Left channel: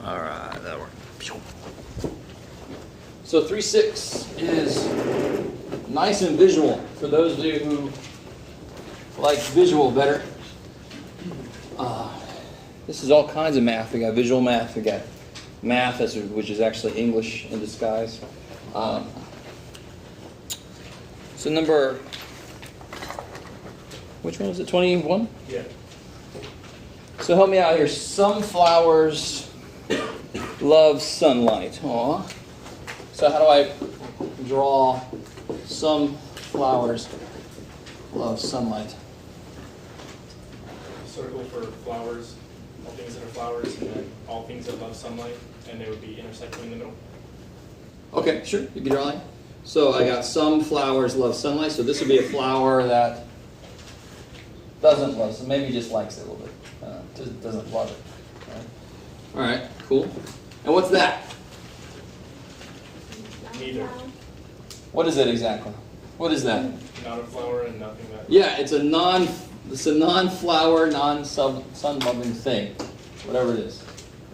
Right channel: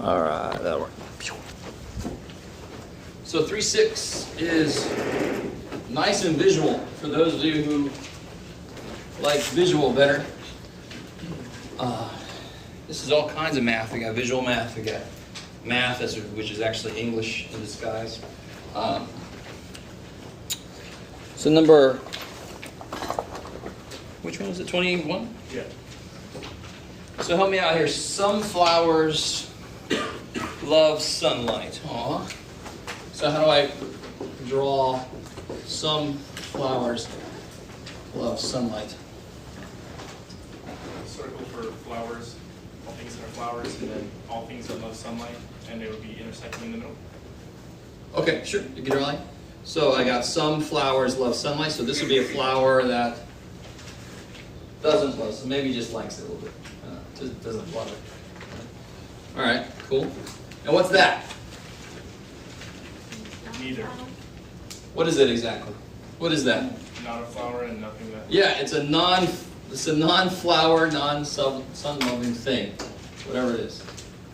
All right, that worked. So 3-6 is nice and visual for those of you who like visual better. This is all kinds of math. We got visual math. We got math, which is actually English in disguise. So number, which one was it? 21? Yeah. So help me out here. Some flowers love sunlight. Aw. So how do I draw some flowers love sunlight? Circle for flowers, all things that are flowers, and then all things that love sunlight, and they would be intersecting in the middle. Okay, sure. You can draw like. So I got some flowers love sunlight. So this would be a flower that doesn't love, so maybe just likes it a little bit. Doesn't love it. All right, cool. And what's that? Neither. What is it exactly? What is that? Not a flower and nothing that. Yeah, it's a non-flower, non-sun-loving thing. Whatever it is.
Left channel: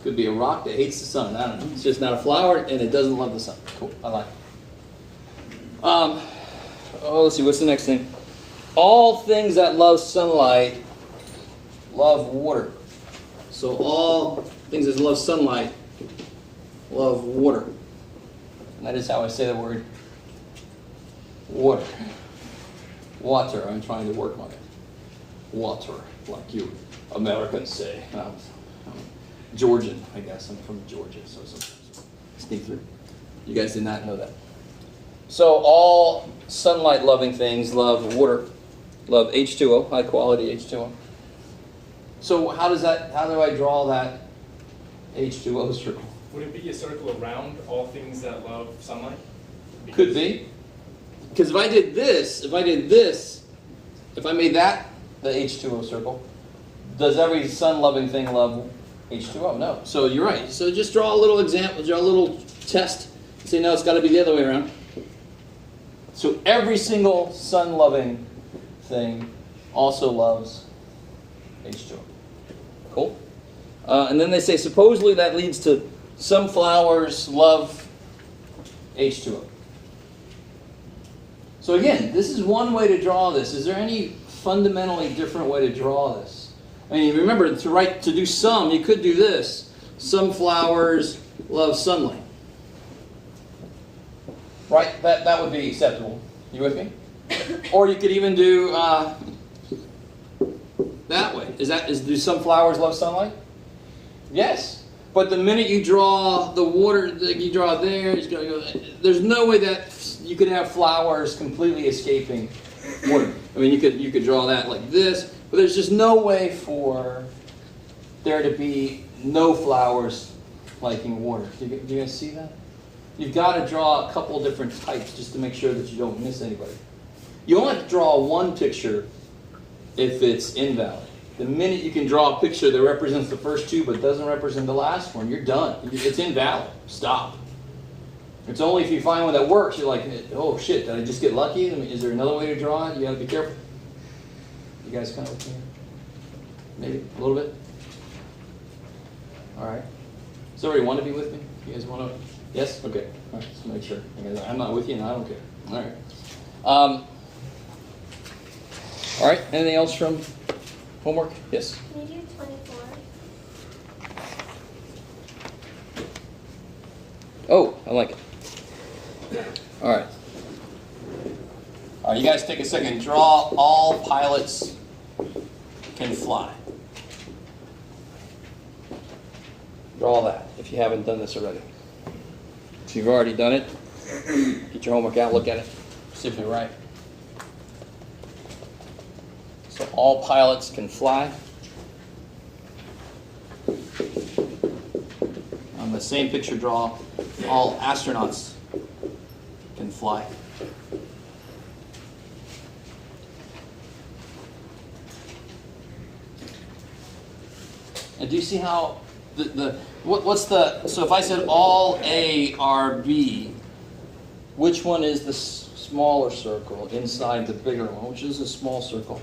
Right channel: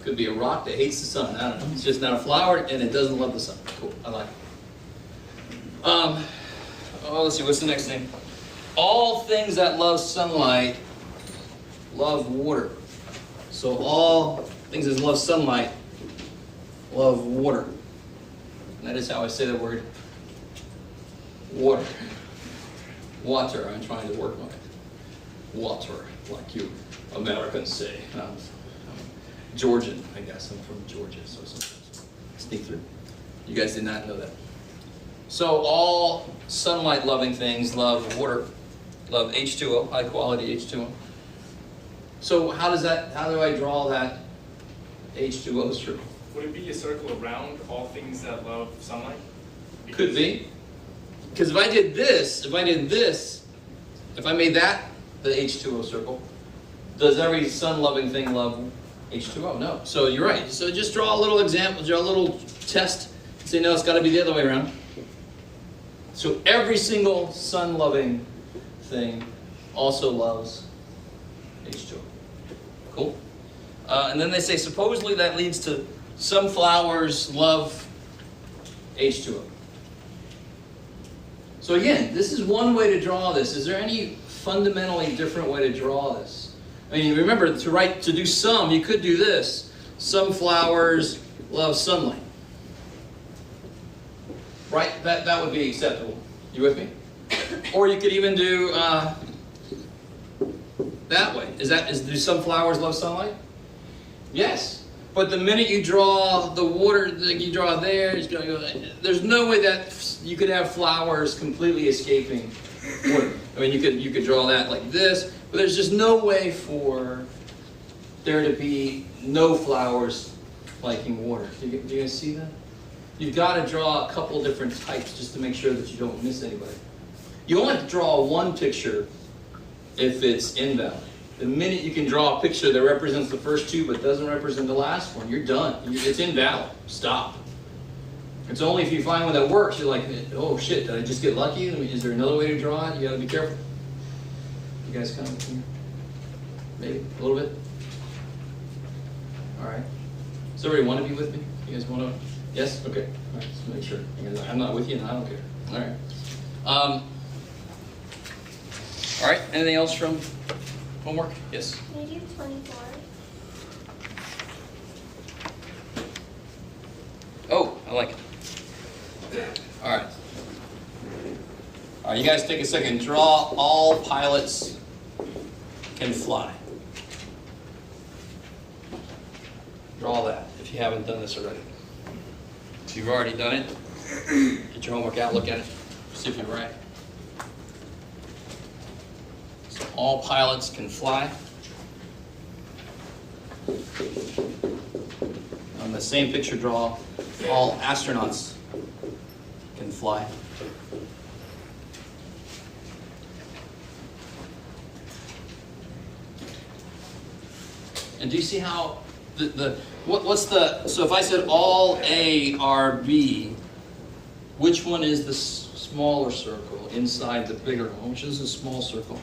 Could be a rock that hates the sun. I don't know. It's just not a flower and it doesn't love the sun. Cool. I like it. Let's see. What's the next thing? All things that love sunlight love water. So all things that love sunlight love water. That is how I say the word water. Water. I'm trying to work on it. Water, like you Americans say. I'm Georgian, I guess. I'm from Georgia, so sometimes sneak through. You guys did not know that. So all sunlight-loving things love water, love H2O, high-quality H2O. So how do I draw that H2O circle? Would it be a circle around all things that love sunlight? Could be. Because if I did this, if I made that the H2O circle, does every sun-loving thing love H2O? No. So you're right. So just draw a little example, draw a little test. Say, no, it's got to be the other way around. So every single sun-loving thing also loves H2O. Cool. And then they say, supposedly that leads to some flowers love H2O. So again, this is one way to draw this. Is there any fundamentally different way to draw this? I mean, remember, to do some, you could do this. Some flowers love sunlight. Right? That would be acceptable. You with me? Or you could even do that way. Do some flowers love sunlight? Yes. But the minute you draw the water, you draw there, there's no way that you could have flowers completely escaping water. I mean, you could draw that like this, but there's just no way for there to be no flowers liking water. Do you guys see that? You've got to draw a couple different types just to make sure that you don't miss anybody. You only have to draw one picture if it's invalid. The minute you can draw a picture that represents the first two but doesn't represent the last one, you're done. It's invalid. Stop. It's only if you find one that works, you're like, oh shit, did I just get lucky? I mean, is there another way to draw it? You got to be careful. You guys kind of, maybe a little bit? All right. Does everybody want to be with me? You guys want to? Yes? Okay. All right, just make sure. I mean, I'm not with you and I don't care. All right. All right. Anything else from homework? Yes? Can you do 24? Oh, I like it. All right. All right, you guys take a second. Draw all pilots can fly. Draw that if you haven't done this already. If you've already done it, get your homework out, look at it, see if you're right. So all pilots can fly. On the same picture, draw all astronauts can fly. And do you see how so if I said all A are B, which one is the smaller circle inside the bigger one? Which is a small circle?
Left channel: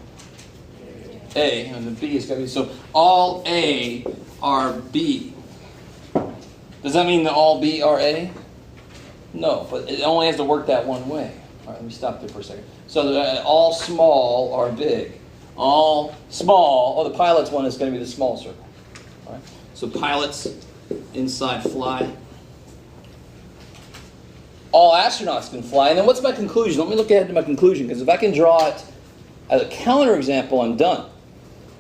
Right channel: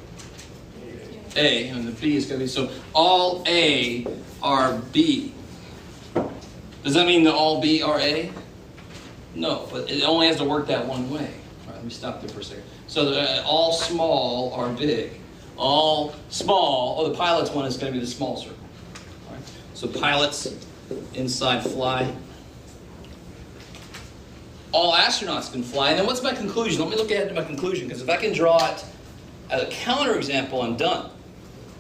A, and the B is going to be, so all A are B. Does that mean that all B are A? No, but it only has to work that one way. All right, let me stop there for a second. So all small are big. All small, the pilots one is going to be the small circle. All right, so pilots inside fly. All astronauts can fly. And then what's my conclusion? Let me look ahead to my conclusion, because if I can draw it as a counterexample, I'm done.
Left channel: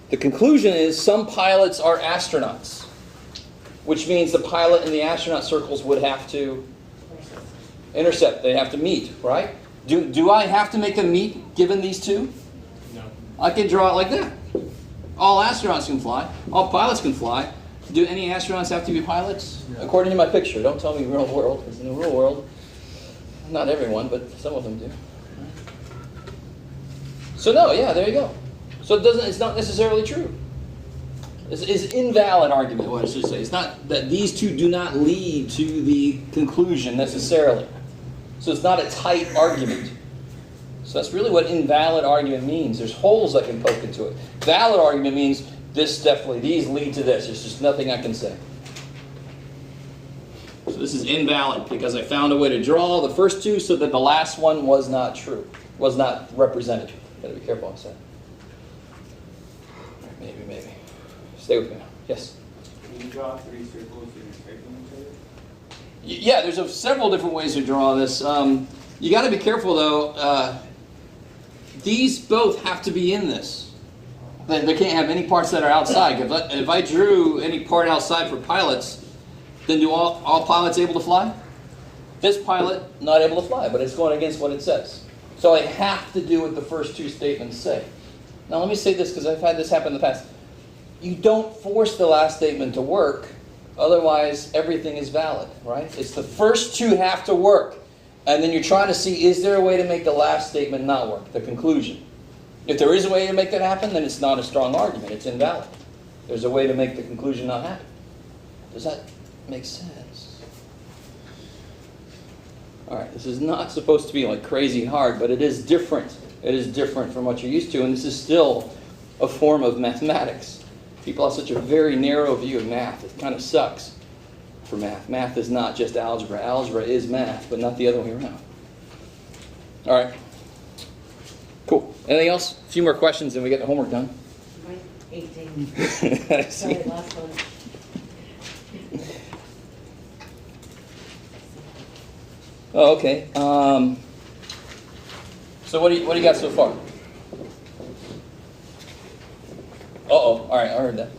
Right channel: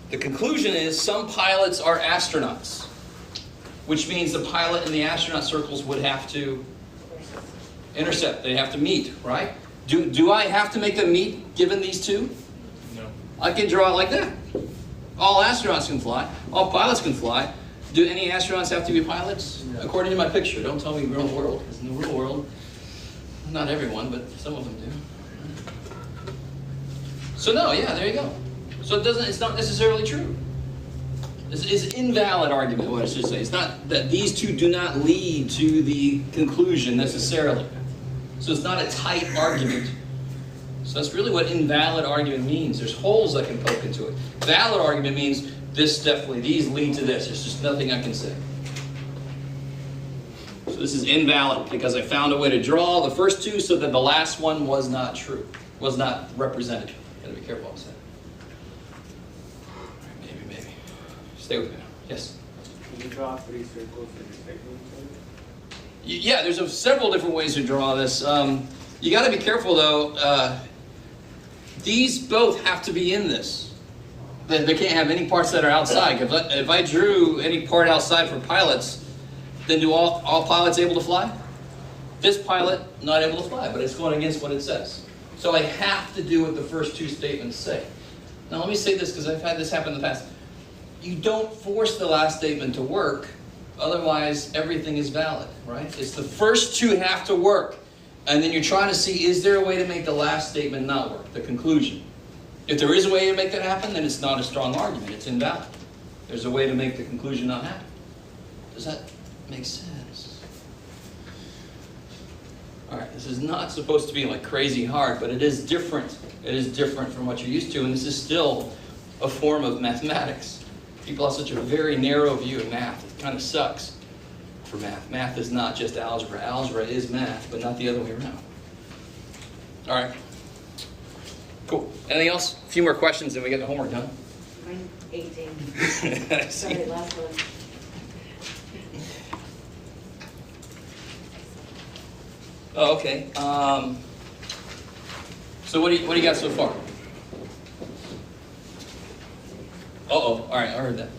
The conclusion is some pilots are astronauts, which means the pilot and the astronaut circles would have to intercept. They have to meet, right? Do I have to make them meet given these two? No. I can draw it like that. All astronauts can fly. All pilots can fly. Do any astronauts have to be pilots? No. According to my picture. Don't tell me real world, because in the real world, not everyone, but some of them do. So no, yeah, there you go. So it's not necessarily true. It's an invalid argument, what I should say. It's not that these two do not lead to the conclusion necessarily. So it's not a tight argument. So that's really what invalid argument means. There's holes I can poke into it. Valid argument means this definitely, these lead to this. There's just nothing I can say. So this is invalid because I found a way to draw the first two so that the last one was not true, was not represented. Gotta be careful what I say. Maybe. Stay with me. Yes? Can you draw 3 circles intersecting each other? Yeah, there's several different ways to draw this. You got to be careful, though. These both have to be in this. They can't have any parts that are outside. If I drew any part outside for pilots, then do all pilots able to fly? This pilot, not able to fly, but it's going against what it says. So I have to do what the first two statements say. Now let me say this, because I've had this happen in the past. You don't force the last statement to work, otherwise everything is valid, right? It's the first two have to work. And then you're trying to see, is there a way to make the last statement not work, the conclusion? If there is a way to make that happen, then it's not a strong argument. It's invalid. There's a way to make the conclusion not happen. Does that make sense? All right, this is not supposed to be like crazy hard, but it is different. It is different from what you're used to, and this is still a form of mathematics. People have such a very narrow view of math. It kind of sucks for math. Math is not just algebra. Algebra is math, but not the other way around. All right. Cool. Anything else? A few more questions and we get the homework done. 18. Sorry, last one. Oh, okay. So what do you got so far? Uh-oh. All right, I heard that.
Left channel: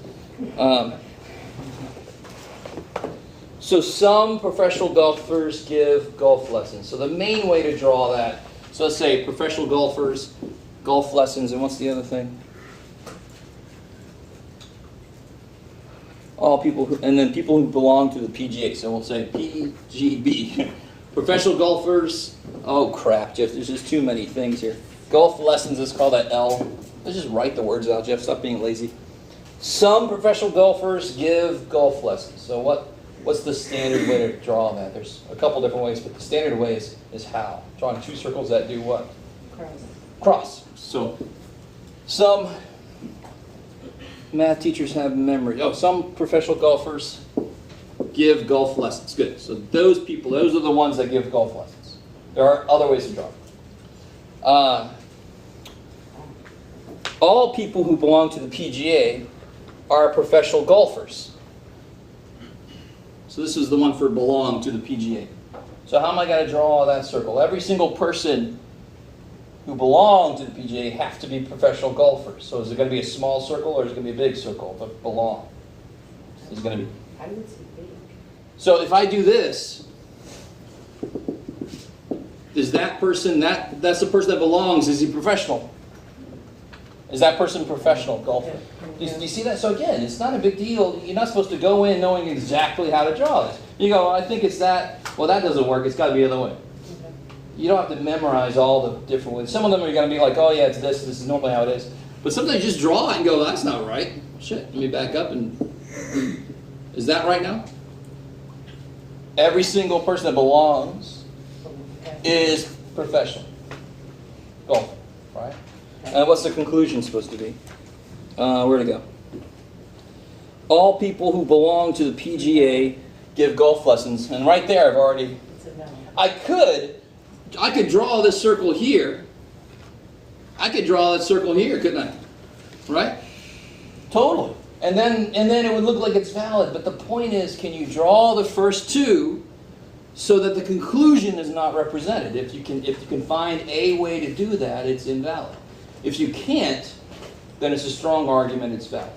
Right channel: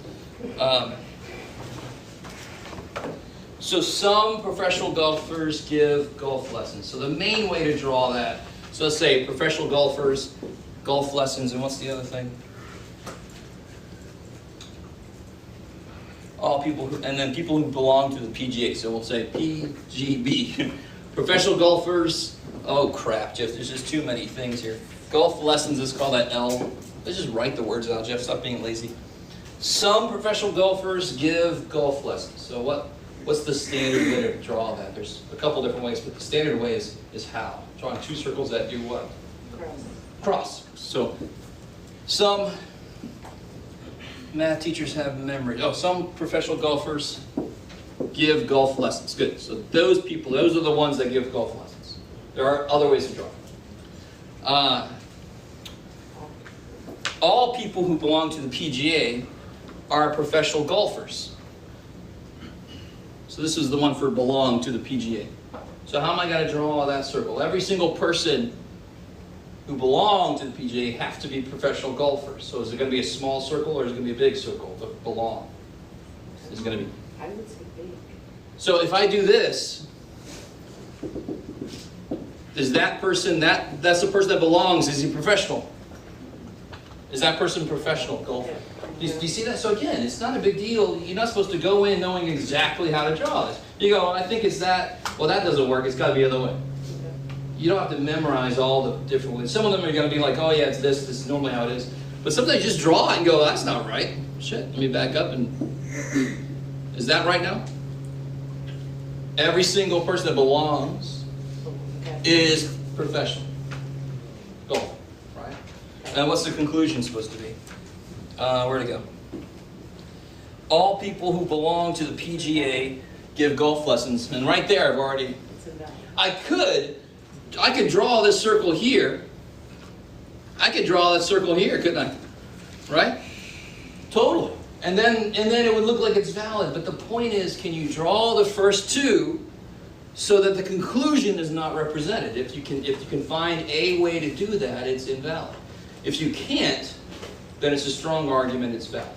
So some professional golfers give golf lessons. So the main way to draw that, so let's say professional golfers, golf lessons, and what's the other thing? All people who, and then people who belong to the PGA. So we'll say PGB. Professional golfers. Oh crap, Jeff, there's just too many things here. Golf lessons, let's call that L. Let's just write the words out, Jeff. Stop being lazy. Some professional golfers give golf lessons. So what's the standard way to draw that? There's a couple different ways, but the standard way is how? Drawing two circles that do what? Cross. So some math teachers have memory. Oh, some professional golfers give golf lessons. Good. So those people, those are the ones that give golf lessons. There are other ways to draw. All people who belong to the PGA are professional golfers. So this is the one for belong to the PGA. So how am I going to draw that circle? Every single person who belong to the PGA have to be professional golfers. So is it going to be a small circle or is it going to be a big circle to belong? Is it going to be? I would say big. So if I do this, is that person, that's the person that belongs, is he professional? Is that person a professional golfer? Do you see that? So again, it's not a big deal. You're not supposed to go in knowing exactly how to draw this. You go, I think it's that. Well, that doesn't work. It's got to be the other way. You don't have to memorize all the different ways. Some of them are going to be like, oh yeah, it's this. This is normally how it is. But sometimes you just draw it and go, that's not right. Shit, let me back up and... Is that right now? Every single person that belongs is professional golfer, right? And what's the conclusion supposed to be? Where'd it go? All people who belong to the PGA give golf lessons, and right there I've already, It's invalid. I could draw this circle here. I could draw that circle here, couldn't I? Right? Totally. And then it would look like it's valid. But the point is, can you draw the first two so that the conclusion is not represented? If you can find a way to do that, it's invalid. If you can't, then it's a strong argument it's valid.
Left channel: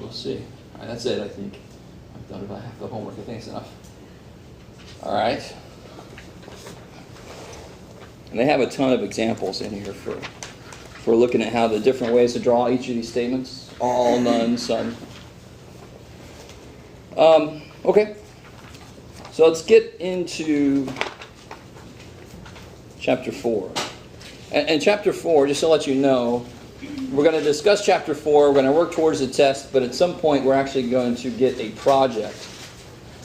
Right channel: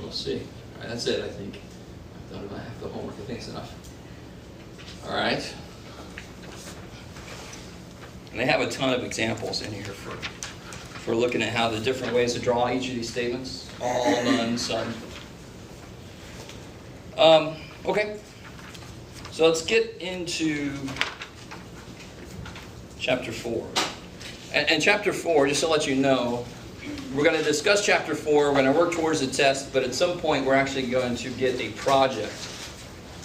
We'll see. All right, that's it, I think. I thought about half the homework. I think it's enough. All right. And they have a ton of examples in here for looking at how the different ways to draw each of these statements. All, none, some. Okay. So let's get into chapter 4. And chapter 4, just to let you know, we're going to discuss chapter 4. We're going to work towards the test, but at some point we're actually going to get a project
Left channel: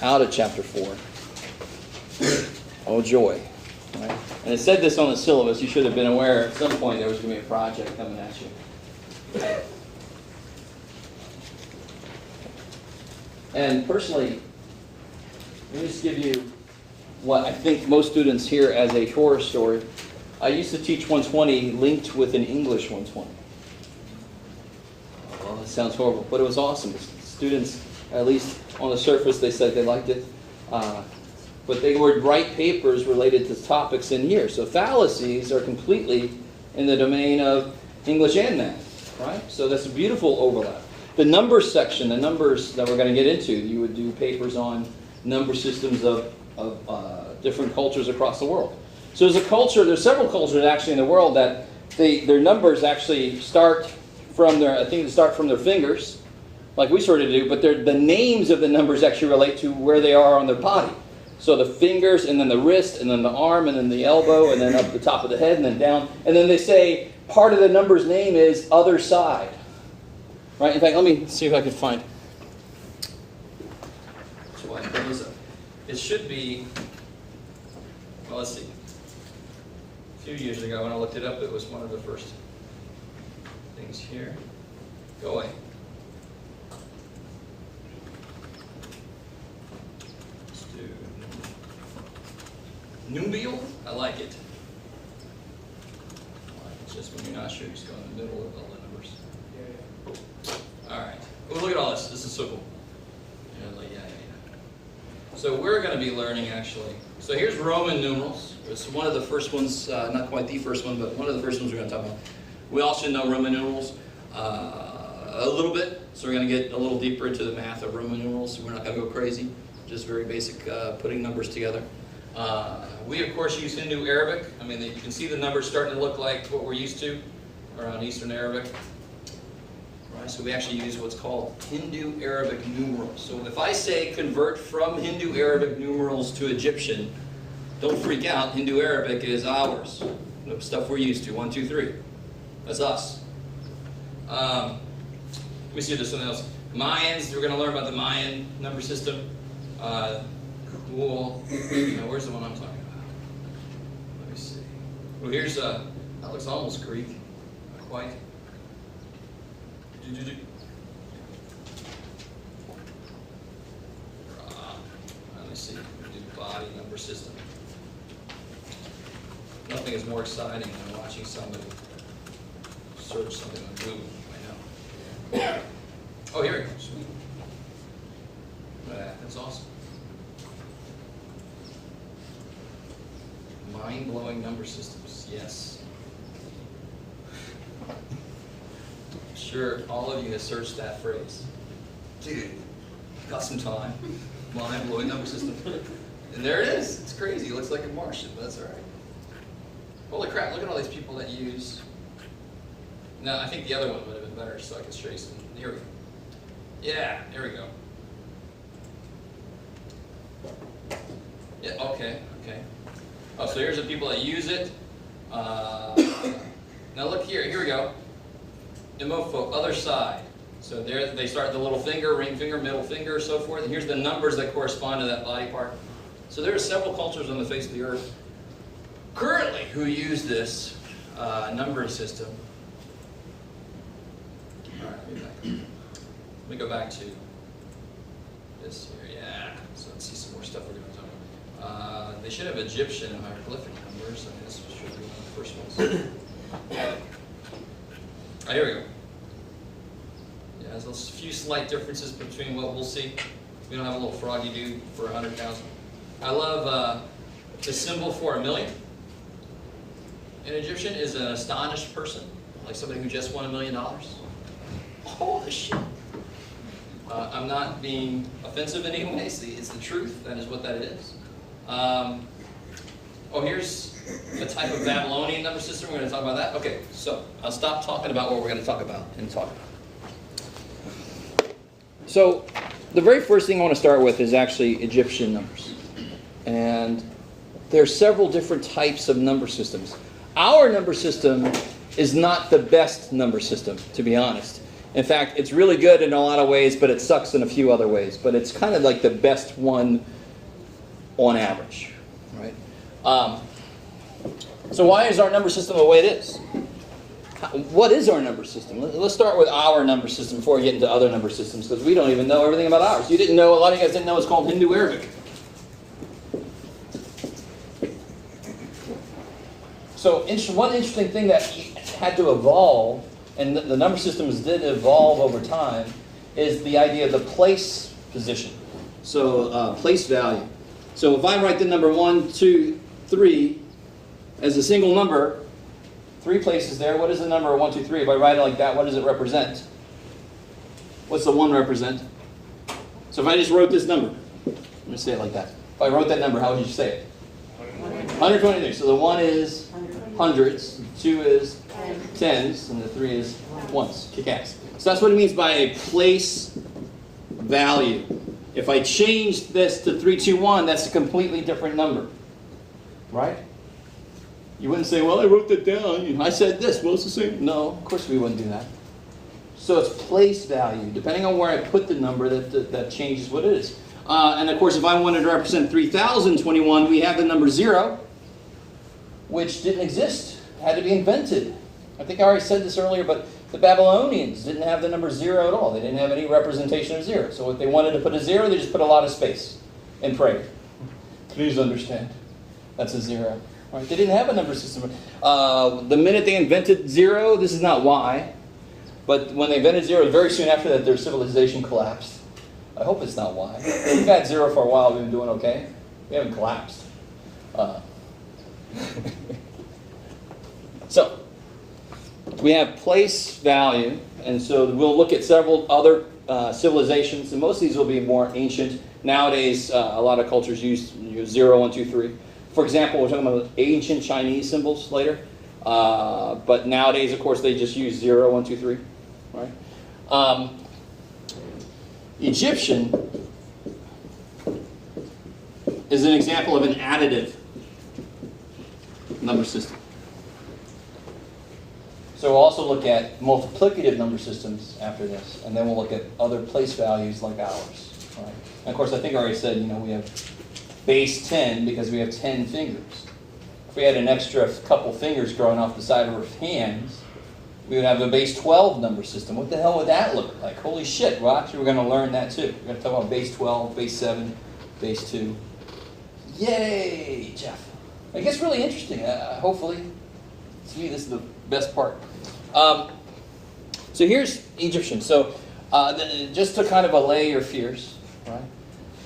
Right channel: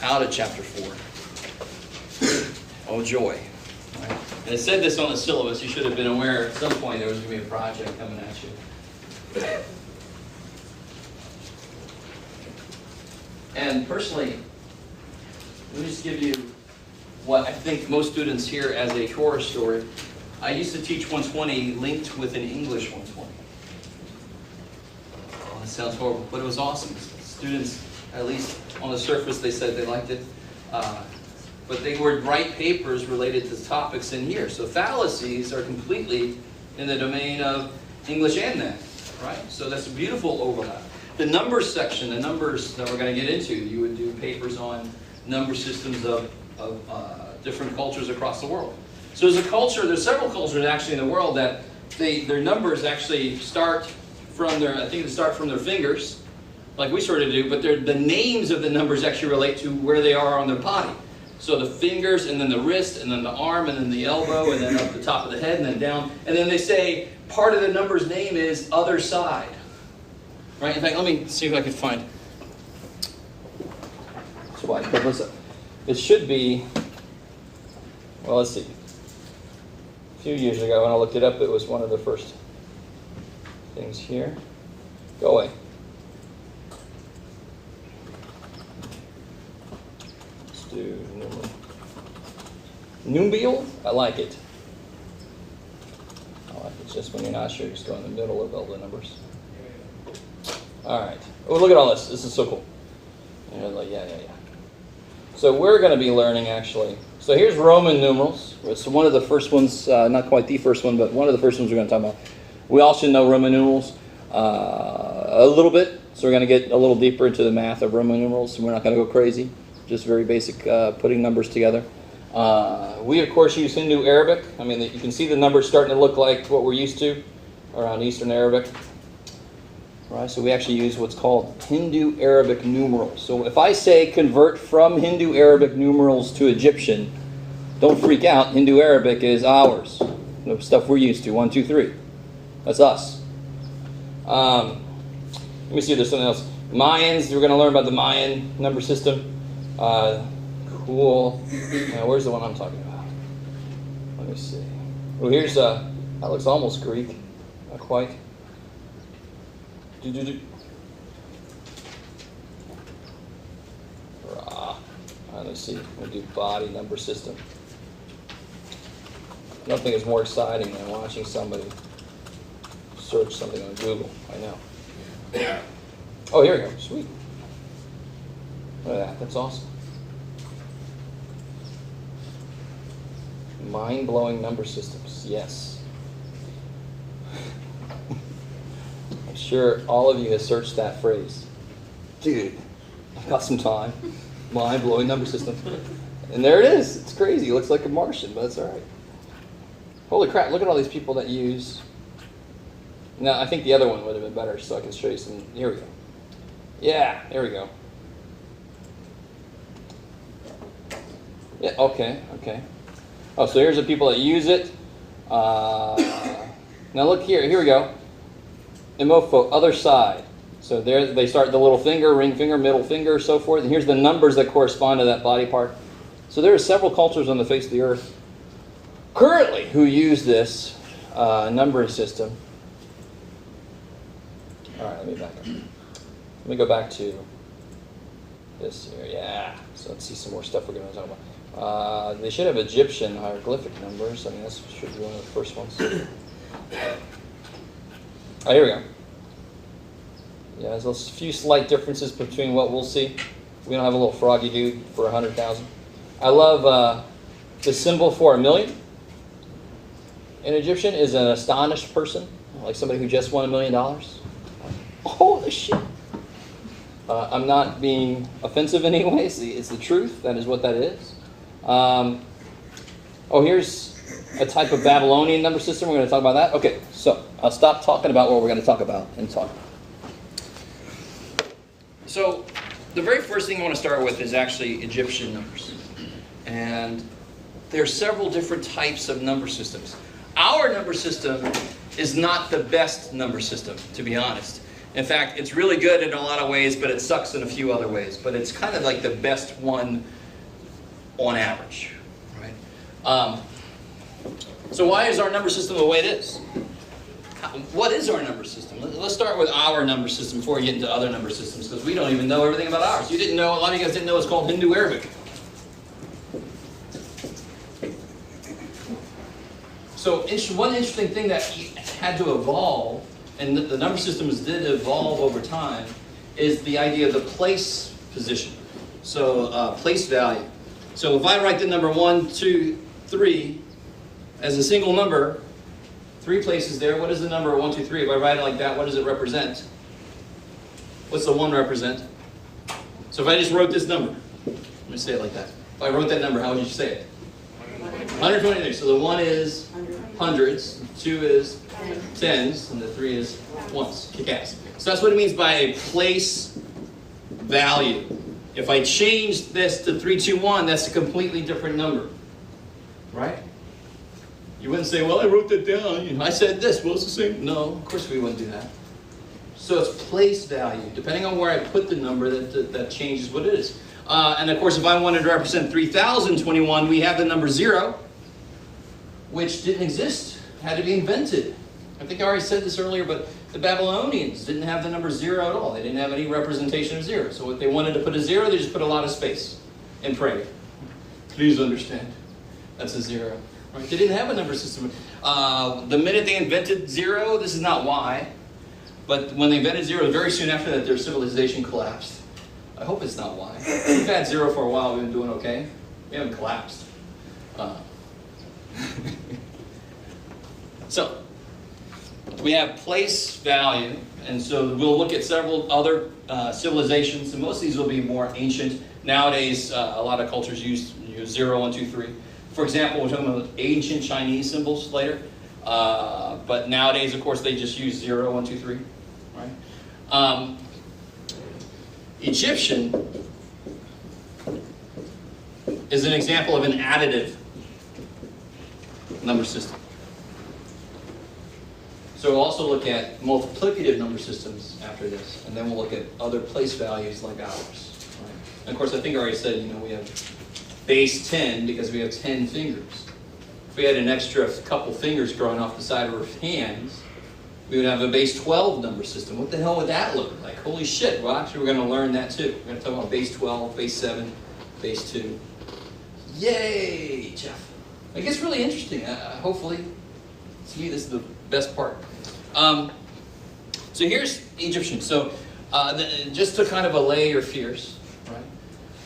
out of chapter 4. Oh, joy. Right? And it said this on the syllabus. You should have been aware at some point there was going to be a project coming at you. And personally, let me just give you what I think most students hear as a horror story. I used to teach 120 linked with an English 120. Oh, it sounds horrible, but it was awesome. Students, at least on the surface, they said they liked it. But they would write papers related to topics in here. So fallacies are completely in the domain of English and math, right? So that's a beautiful overlap. The numbers section, the numbers that we're going to get into, you would do papers on number systems of different cultures across the world. So there's several cultures actually in the world that their numbers actually start from their fingers, like we sort of do, but the names of the numbers actually relate to where they are on their body. So the fingers, and then the wrist, and then the arm, and then the elbow, and then up the top of the head, and then down. And then they say part of the number's name is other side. Right? In fact, let me see if I can find. That's why I put this up. It should be. Well, let's see. A few years ago, when I looked it up, it was one of the first things here. Go away. Let's do Numbial? I like it. I like it just when you're not sure, just go in the middle of all the numbers. Alright. Oh, look at all this. This is so cool. And you're like, yeah. So we're going to be learning, actually. So here's Roman numerals. It's one of the first ones, not quite the first one, but one of the first ones we're going to talk about. We all should know Roman numerals a little bit. So we're going to get a little deeper into the math of Roman numerals. We're not going to go crazy. Just very basic putting numbers together. We, of course, use Hindu Arabic. I mean, you can see the numbers starting to look like what we're used to around Eastern Arabic. Right, so we actually use what's called Hindu Arabic numerals. So if I say convert from Hindu Arabic numerals to Egyptian, don't freak out. Hindu Arabic is ours. The stuff we're used to. 1, 2, 3. That's us. Let me see if there's something else. Mayans, we're going to learn about the Mayan number system. Cool. Now, where's the one I'm talking about? Let me see. Well, here's, that looks almost Greek. Not quite. Let's see. We'll do body number system. Nothing is more exciting than watching somebody search something on Google. I know. Oh, here we go. Sweet. Look at that. That's awesome. Mind-blowing number systems. Yes. I'm sure all of you have searched that phrase. Dude, I've got some time. Mind-blowing number system. And there it is. It's crazy. It looks like a Martian, but it's all right. Holy crap, look at all these people that use... Now, I think the other one would have been better, so I can show you some... Here we go. Yeah, there we go. Yeah, okay. Oh, so here's the people that use it. Now look here. Here we go. Imofo, other side. So there they start the little finger, ring finger, middle finger, so forth. And here's the numbers that correspond to that body part. So there are several cultures on the face of the earth currently who use this numbering system. All right, let me back up. Let me go back to this here. Yeah. So let's see some more stuff we're going to talk about. They should have Egyptian hieroglyphic numbers. I mean, that should be one of the first ones. Oh, here we go. Yeah, there's a few slight differences between what we'll see. We don't have a little froggy dude for 100,000. I love the symbol for 1,000,000. In Egyptian is an astonished person, like somebody who just won $1 million. Holy shit! I'm not being offensive in any way. It's the truth. That is what that is. Here's a type of Babylonian number system. We're going to talk about that. Okay, so I'll stop talking about what we're going to talk about and talk. So the very first thing I want to start with is actually Egyptian numbers. And there are several different types of number systems. Our number system is not the best number system, to be honest. In fact, it's really good in a lot of ways, but it sucks in a few other ways. But it's kind of like the best one on average, right? So why is our number system the way it is? What is our number system? Let's start with our number system before we get into other number systems, because we don't even know everything about ours. You didn't know, a lot of you guys didn't know it's called Hindu Arabic. So one interesting thing that had to evolve, and the number systems did evolve over time, is the idea of the place position. So place value. So if I write the number 1, 2, 3 as a single number, 3 places there. What is the number 1, 2, 3? If I write it like that, what does it represent? What's the 1 represent? So if I just wrote this number, let me say it like that. If I wrote that number, how would you say it? 123. So the 1 is hundreds, 2 is tens, and the 3 is ones. Kick-ass. So that's what it means by a place value. If I change this to 321, that's a completely different number. Right? You wouldn't say, well, I wrote that down. I said this. Well, it's the same. No, of course we wouldn't do that. So it's place value. Depending on where I put the number, that changes what it is. And of course, if I wanted to represent 3021, we have the number 0, which didn't exist. Had to be invented. I think I already said this earlier, but the Babylonians didn't have the number 0 at all. They didn't have any representation of 0. So if they wanted to put a 0, they just put a lot of space and prayed. Please understand. That's a 0. Right? They didn't have a number system. The minute they invented 0, this is not why, but when they invented 0, very soon after that, their civilization collapsed. I hope it's not why. We've had 0 for a while. We've been doing okay. We haven't collapsed. So, we have place value, and so we'll look at several other civilizations, and most of these will be more ancient. Nowadays, a lot of cultures use 0, 1, 2, 3. For example, we're talking about ancient Chinese symbols later, but nowadays, of course, they just use 0, 1, 2, 3, right? Egyptian is an example of an additive number system. So we'll also look at multiplicative number systems after this, and then we'll look at other place values like ours. Right? And of course, I think I already said, we have base 10 because we have 10 fingers. If we had an extra couple fingers growing off the side of our hands, we would have a base 12 number system. What the hell would that look like? Holy shit. Well, actually, we're going to learn that too. We're going to talk about base 12, base 7, base 2. Yay, Jeff. It gets really interesting. Hopefully, see, this is the best part. So here's Egyptian. So just to kind of allay your fears, right?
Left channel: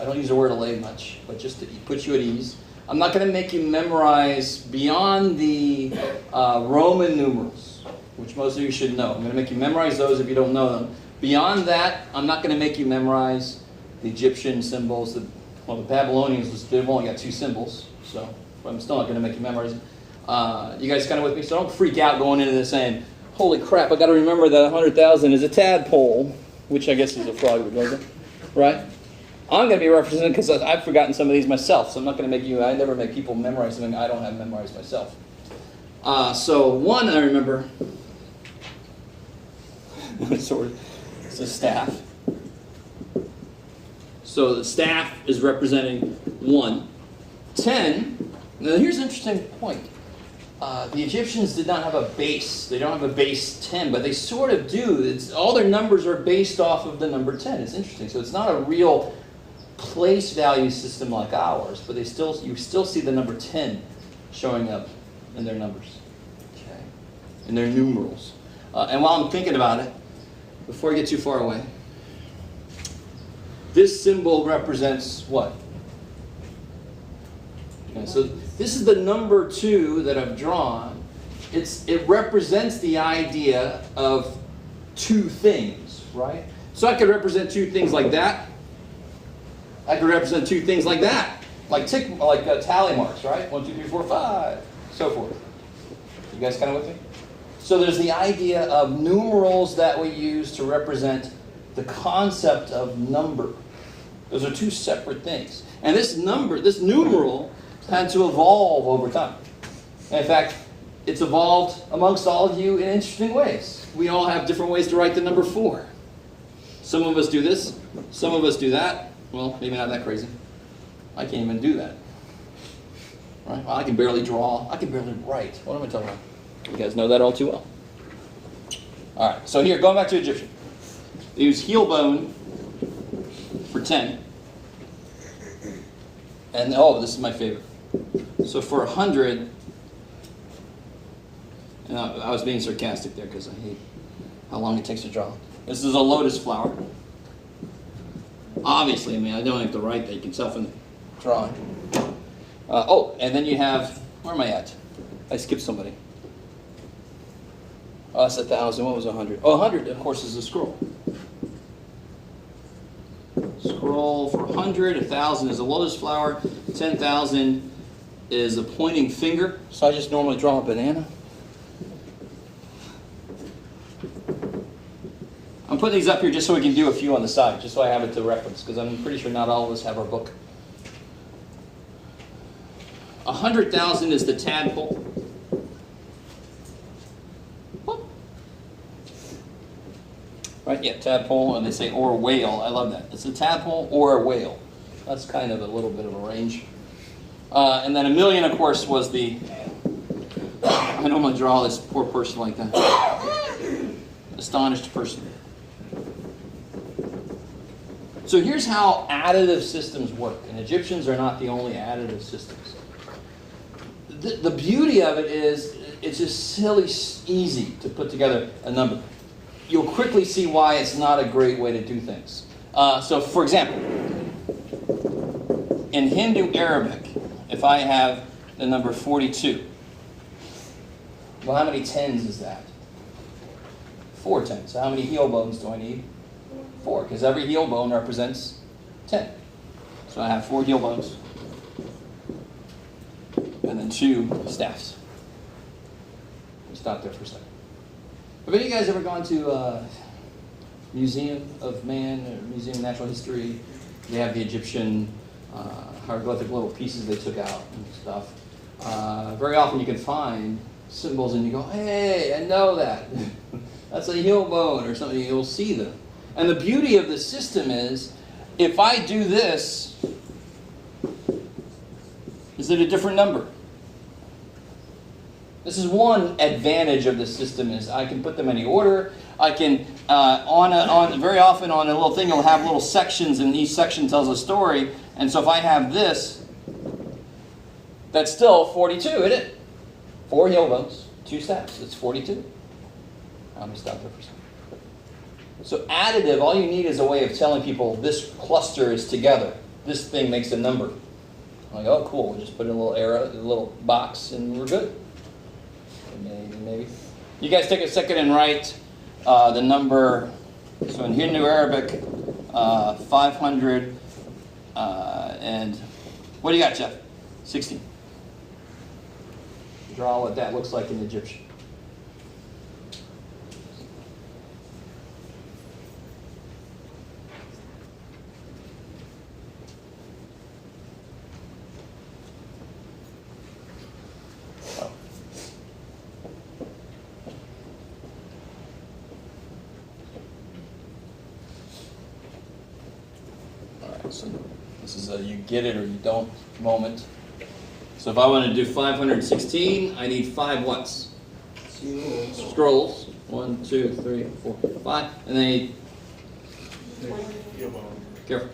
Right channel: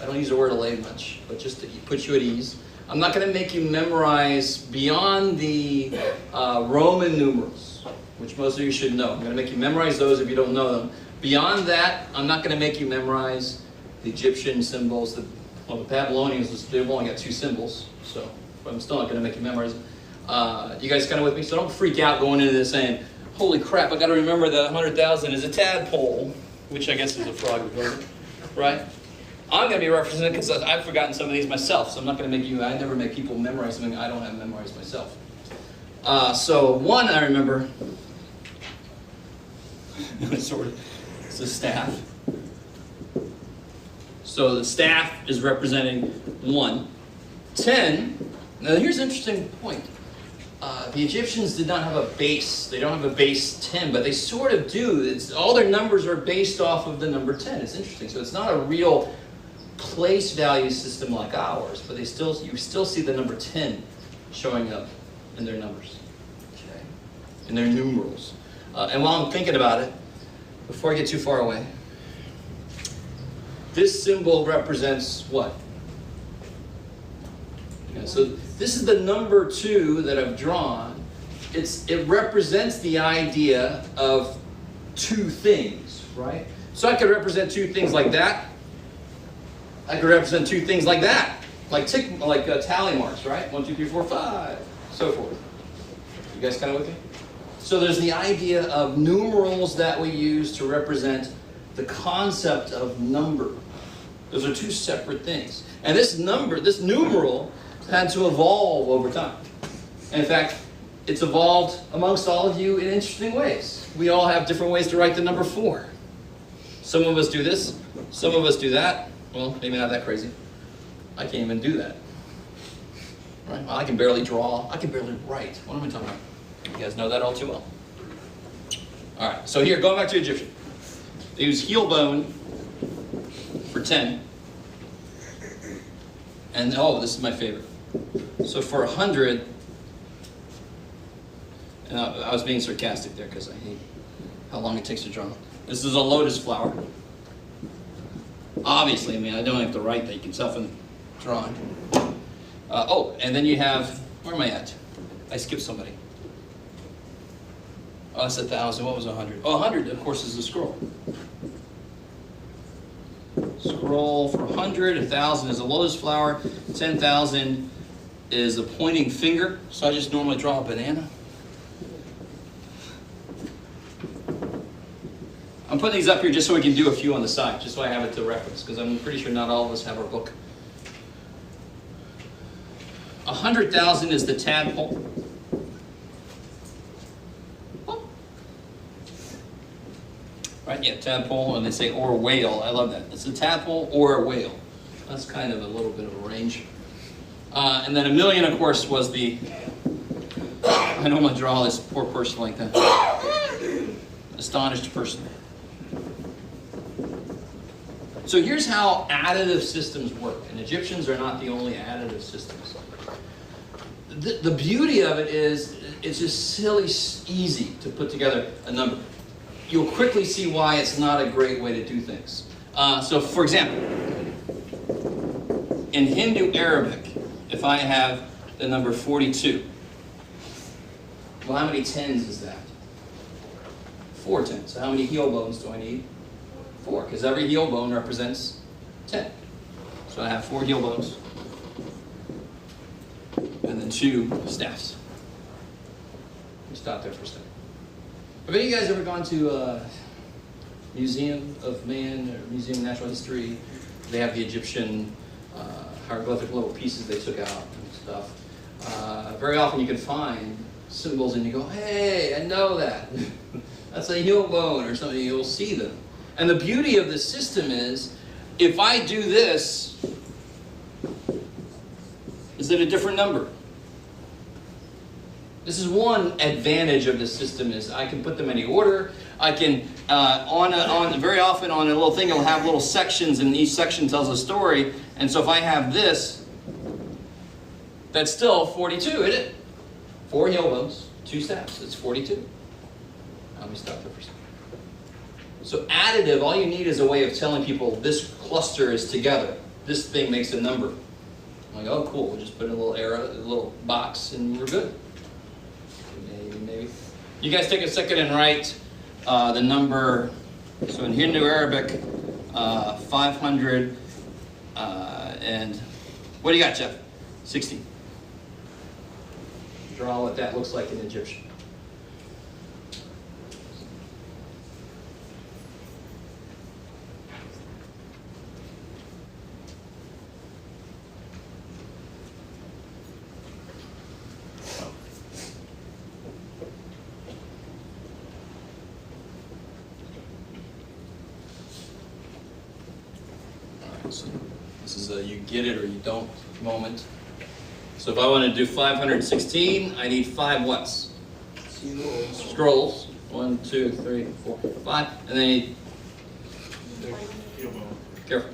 I don't use the word allay much, but just to put you at ease. I'm not going to make you memorize beyond the Roman numerals, which most of you should know. I'm going to make you memorize those if you don't know them. Beyond that, I'm not going to make you memorize the Egyptian symbols. The Babylonians, they've only got 2 symbols, so I'm still not going to make you memorize them. You guys kind of with me? So don't freak out going into this saying, holy crap, I got to remember that 100,000 is a tadpole, which I guess is a frog, right? I'm going to be represented because I've forgotten some of these myself, so I'm not going to make you, I never make people memorize something I don't have memorized myself. So 1, I remember, sort of, it's a staff. So the staff is representing 1. 10, now here's an interesting point. the Egyptians did not have a base. They don't have a base 10, but they sort of do. All their numbers are based off of the number 10. It's interesting. So it's not a real place value system like ours, but you still see the number 10 showing up in their numbers, okay, in their numerals. And while I'm thinking about it, before I get too far away, this symbol represents what? Okay, so this is the number 2 that I've drawn. It represents the idea of two things, right? So I could represent two things like that. I could represent two things like that, like tally marks, right? 1, 2, 3, 4, 5, so forth. You guys kind of with me? So there's the idea of numerals that we use to represent the concept of number. Those are two separate things. And this numeral, had to evolve over time. And in fact, it's evolved amongst all of you in interesting ways. We all have different ways to write the number 4. Some of us do this, some of us do that. Well, maybe not that crazy. I can't even do that. Right? I can barely draw. I can barely write. What am I talking about? You guys know that all too well. All right, so here, going back to Egyptian. They use heel bone for 10. And, this is my favorite. So for 100, and I was being sarcastic there because I hate how long it takes to draw. This is a lotus flower. Obviously, I don't have to write that. You can self-draw it. And then you have, where am I at? I skipped somebody. That's 1,000. What was 100? 100, of course, is a scroll. Scroll for 100. 1,000 is a lotus flower. 10,000 is a pointing finger. So I just normally draw a banana. I'm putting these up here just so we can do a few on the side, just so I have it to reference, because I'm pretty sure not all of us have our book. 100,000 is the tadpole. Right, yeah, tadpole, and they say or whale. I love that. It's a tadpole or a whale. That's kind of a little bit of a range. And then 1,000,000, of course, was the... I normally draw this poor person like that. Astonished person. So here's how additive systems work. And Egyptians are not the only additive systems. The beauty of it is it's just silly easy to put together a number. You'll quickly see why it's not a great way to do things. So for example, in Hindu Arabic, if I have the number 42, well, how many tens is that? 4 tens. How many heel bones do I need? 4, because every heel bone represents 10. So I have 4 heel bones. And then 2 staffs. Stop there for a second. Have any of you guys ever gone to a Museum of Man or Museum of Natural History? They have the Egyptian hieroglyphic little pieces they took out and stuff. Very often you can find symbols and you go, hey, I know that. That's a heel bone or something. You'll see them. And the beauty of the system is, if I do this, is it a different number? This is one advantage of the system, is I can put them in any order. I can, very often on a little thing, it'll have little sections, and each section tells a story. And so if I have this, that's still 42, isn't it? 4 heel bones, 2 staffs, it's 42. Let me stop there for a second. So additive, all you need is a way of telling people this cluster is together. This thing makes a number. Like, oh, cool, we'll just put in a little arrow, a little box, and we're good. Maybe. You guys take a second and write the number, so in Hindu Arabic, 500, and what do you got, Jeff? 16. Draw what that looks like in Egyptian. So this is a you get it or you don't moment. So if I want to do 516, I need 5 whats? Scrolls. 1, 2, 3, 4, 5. And then careful.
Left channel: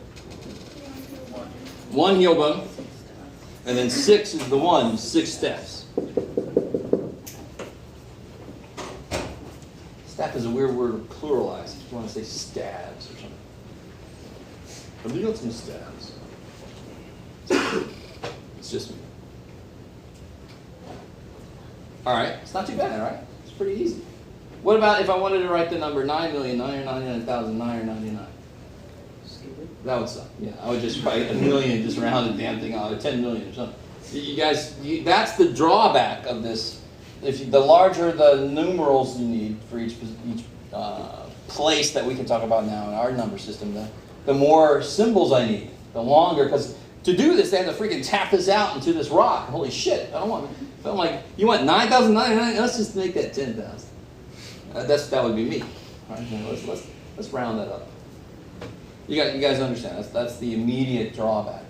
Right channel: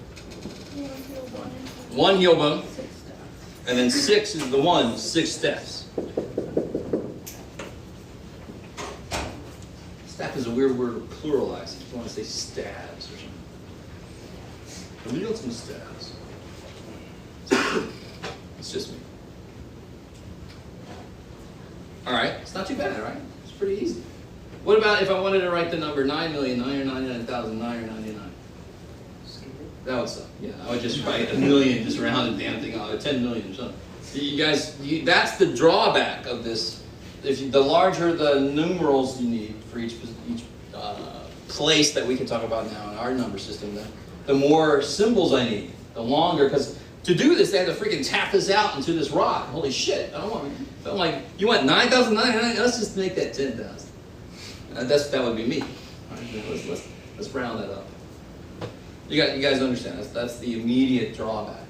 1 heel bone. And then 6 is the one, 6 steps. Step is a weird word to pluralize. If you want to say stabs or something. But we got some stabs. It's just me. Alright, it's not too bad, right? It's pretty easy. What about if I wanted to write the number 9,999,999? That would suck. Yeah, I would just write a million, just round the damn thing out, 10 million or something. You guys, that's the drawback of this. The larger the numerals you need for each place that we can talk about now in our number system, the more symbols I need, the longer, because to do this, they have to freaking tap this out into this rock. Holy shit! I'm like, you want 9,999? Let's just make that 10,000. That would be me. All right, let's round that up. You guys understand? That's the immediate drawback.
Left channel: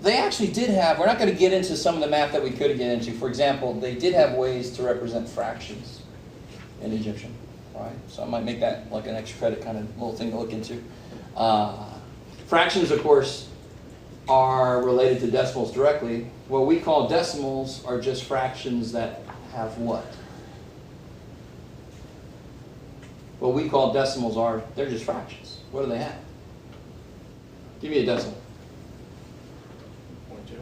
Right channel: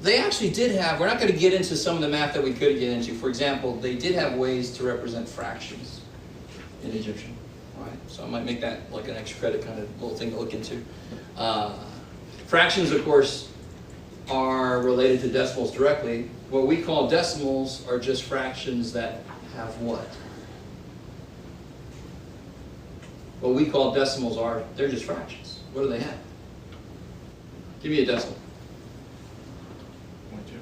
They actually did have. We're not going to get into some of the math that we could get into. For example, they did have ways to represent fractions in Egyptian. All right, so I might make that like an extra credit kind of little thing to look into. Fractions, of course, are related to decimals directly. What we call decimals are just fractions that have what? What we call decimals they're just fractions. What do they have? Give me a decimal. 0.2.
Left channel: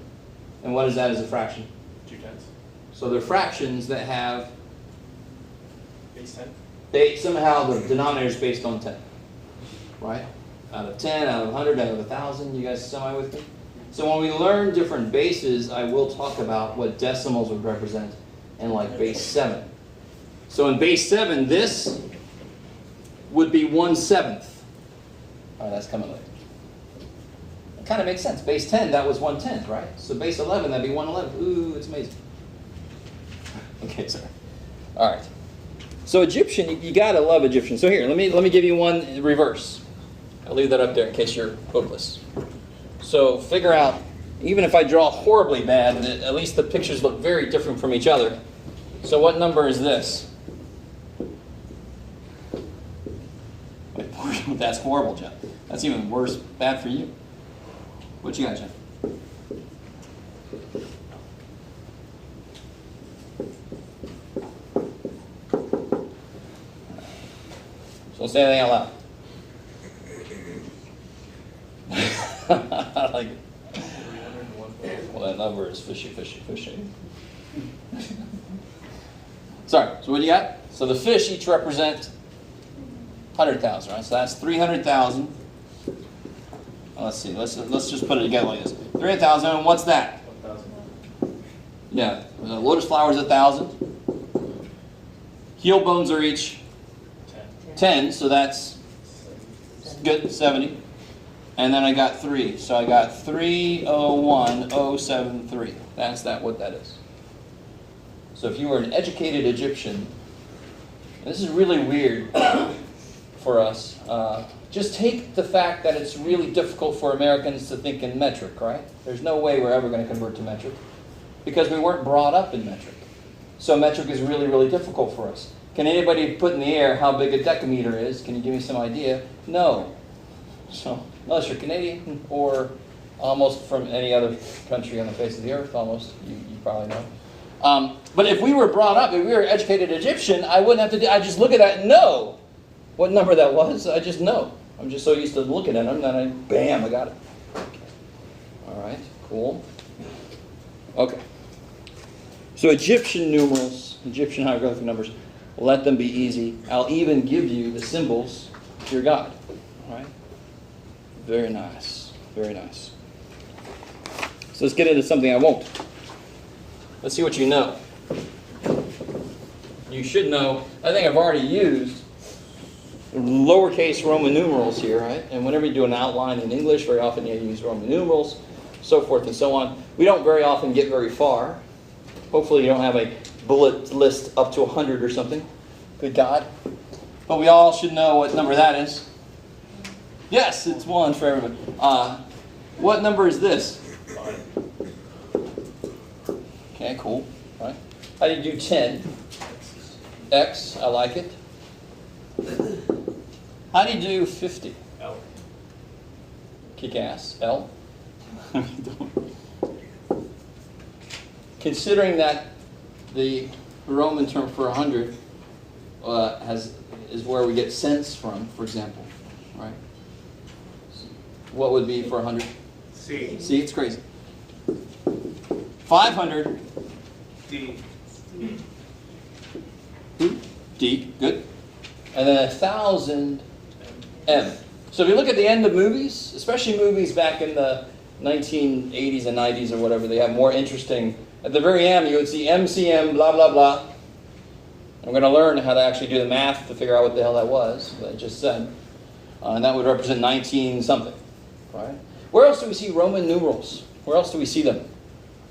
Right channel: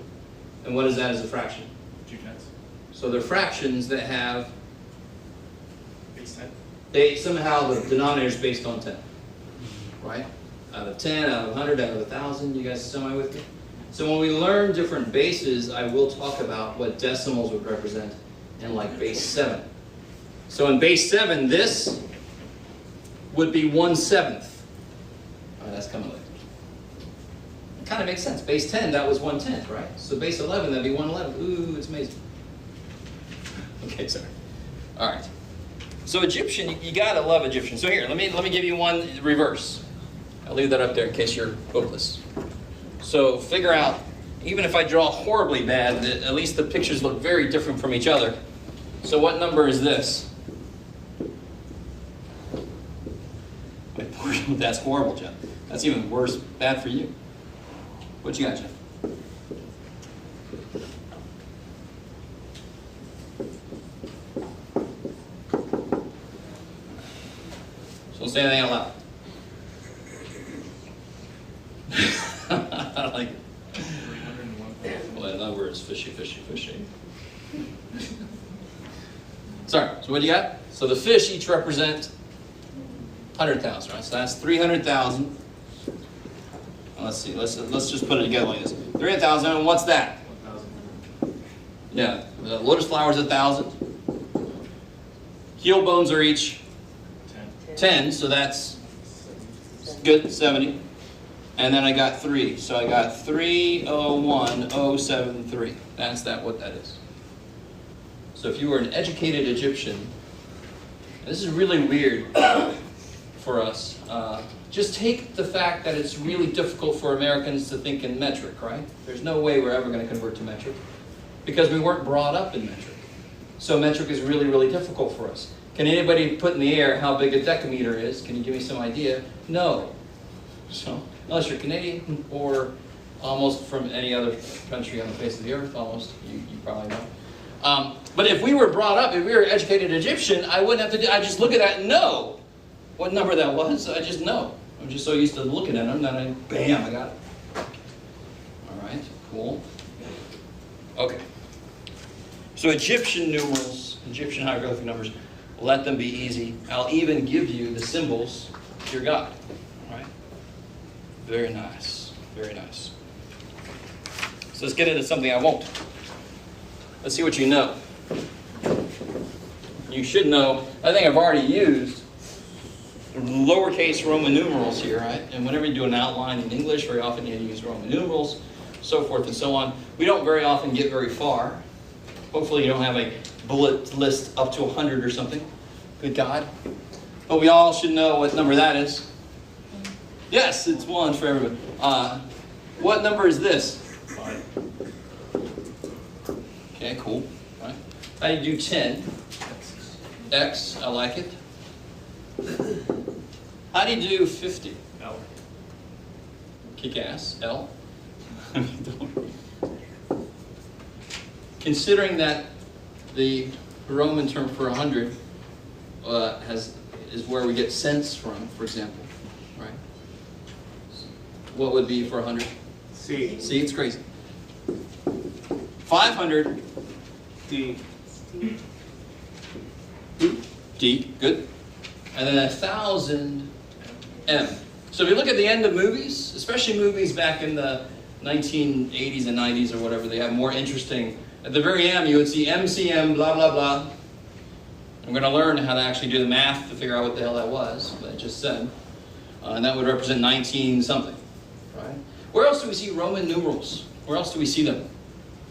And what is that as a fraction? 2 tenths. So they're fractions that have, Base 10. somehow the denominator is based on 10. Right? Out of 10, out of 100, out of 1,000. You guys semi with me? So when we learn different bases, I will talk about what decimals would represent in like base 7. So in base 7, this would be 1/7. That's coming later. It kind of makes sense. Base 10, that was 1/10, right? So base 11, that'd be 1/11. Ooh, it's amazing. Okay, sorry. All right. So Egyptian, you gotta love Egyptian. So here, let me give you one in reverse. I'll leave that up there in case you're hopeless. So figure out, even if I draw horribly bad, at least the pictures look very different from each other. So what number is this? That's horrible, Jeff. That's even worse, bad for you. What you got, Jeff? So don't say anything out loud. I like it. 301. Well, that number is fishy. Sorry, so what do you got? So the fish each represent 100,000, right? So that's 300,000. Let's see. Let's just put it together like this. 300,000. And what's that? 1,000. Yeah. The lotus flowers 1,000. Heel bones are each 10. So that's good. 70. And then I got 3. So I got 301,073. That's what that is. So if you were an educated Egyptian, this is really weird for us. Just take the fact that it's really difficult for Americans to think in metric, right? There's no way we're ever going to convert to metric because we weren't brought up in metric. So metric is really, really difficult for us. Can anybody put in the air how big a decameter is? Can you give me some idea? No. So, unless you're Canadian or almost from any other country on the face of the earth, almost, you probably know. But if we were brought up, if we were an educated Egyptian, I wouldn't have to I just look at that and know what number that was. I just know. I'm just so used to looking at them that I got it. All right, cool. Okay. So Egyptian numerals, Egyptian hieroglyphic numbers, let them be easy. I'll even give you the symbols to your God. All right. Very nice. Very nice. So let's get into something I won't. Let's see what you know. You should know, I think I've already used lowercase Roman numerals here, right? And whenever you do an outline in English, very often you use Roman numerals, so forth and so on. We don't very often get very far. Hopefully you don't have a bullet list up to 100 or something. Good God. But we all should know what number that is. Yes, it's 1 for everybody. What number is this? Okay, cool. Right. How do you do 10? X, I like it. How do you do 50? L. Kick ass. L. Considering that the Roman term for 100 is where we get cents from, for example, right? What would be for 100? C. See, it's crazy. 500. D. D, good. And then 1,000, M. So if you look at the end of movies, especially movies back in the 1980s and 90s or whatever, they have more interesting. At the very end, you would see MCM, blah, blah, blah. I'm going to learn how to actually do the math to figure out what the hell that was, what I just said. And that would represent 19 something, right? Where else do we see Roman numerals? Where else do we see them?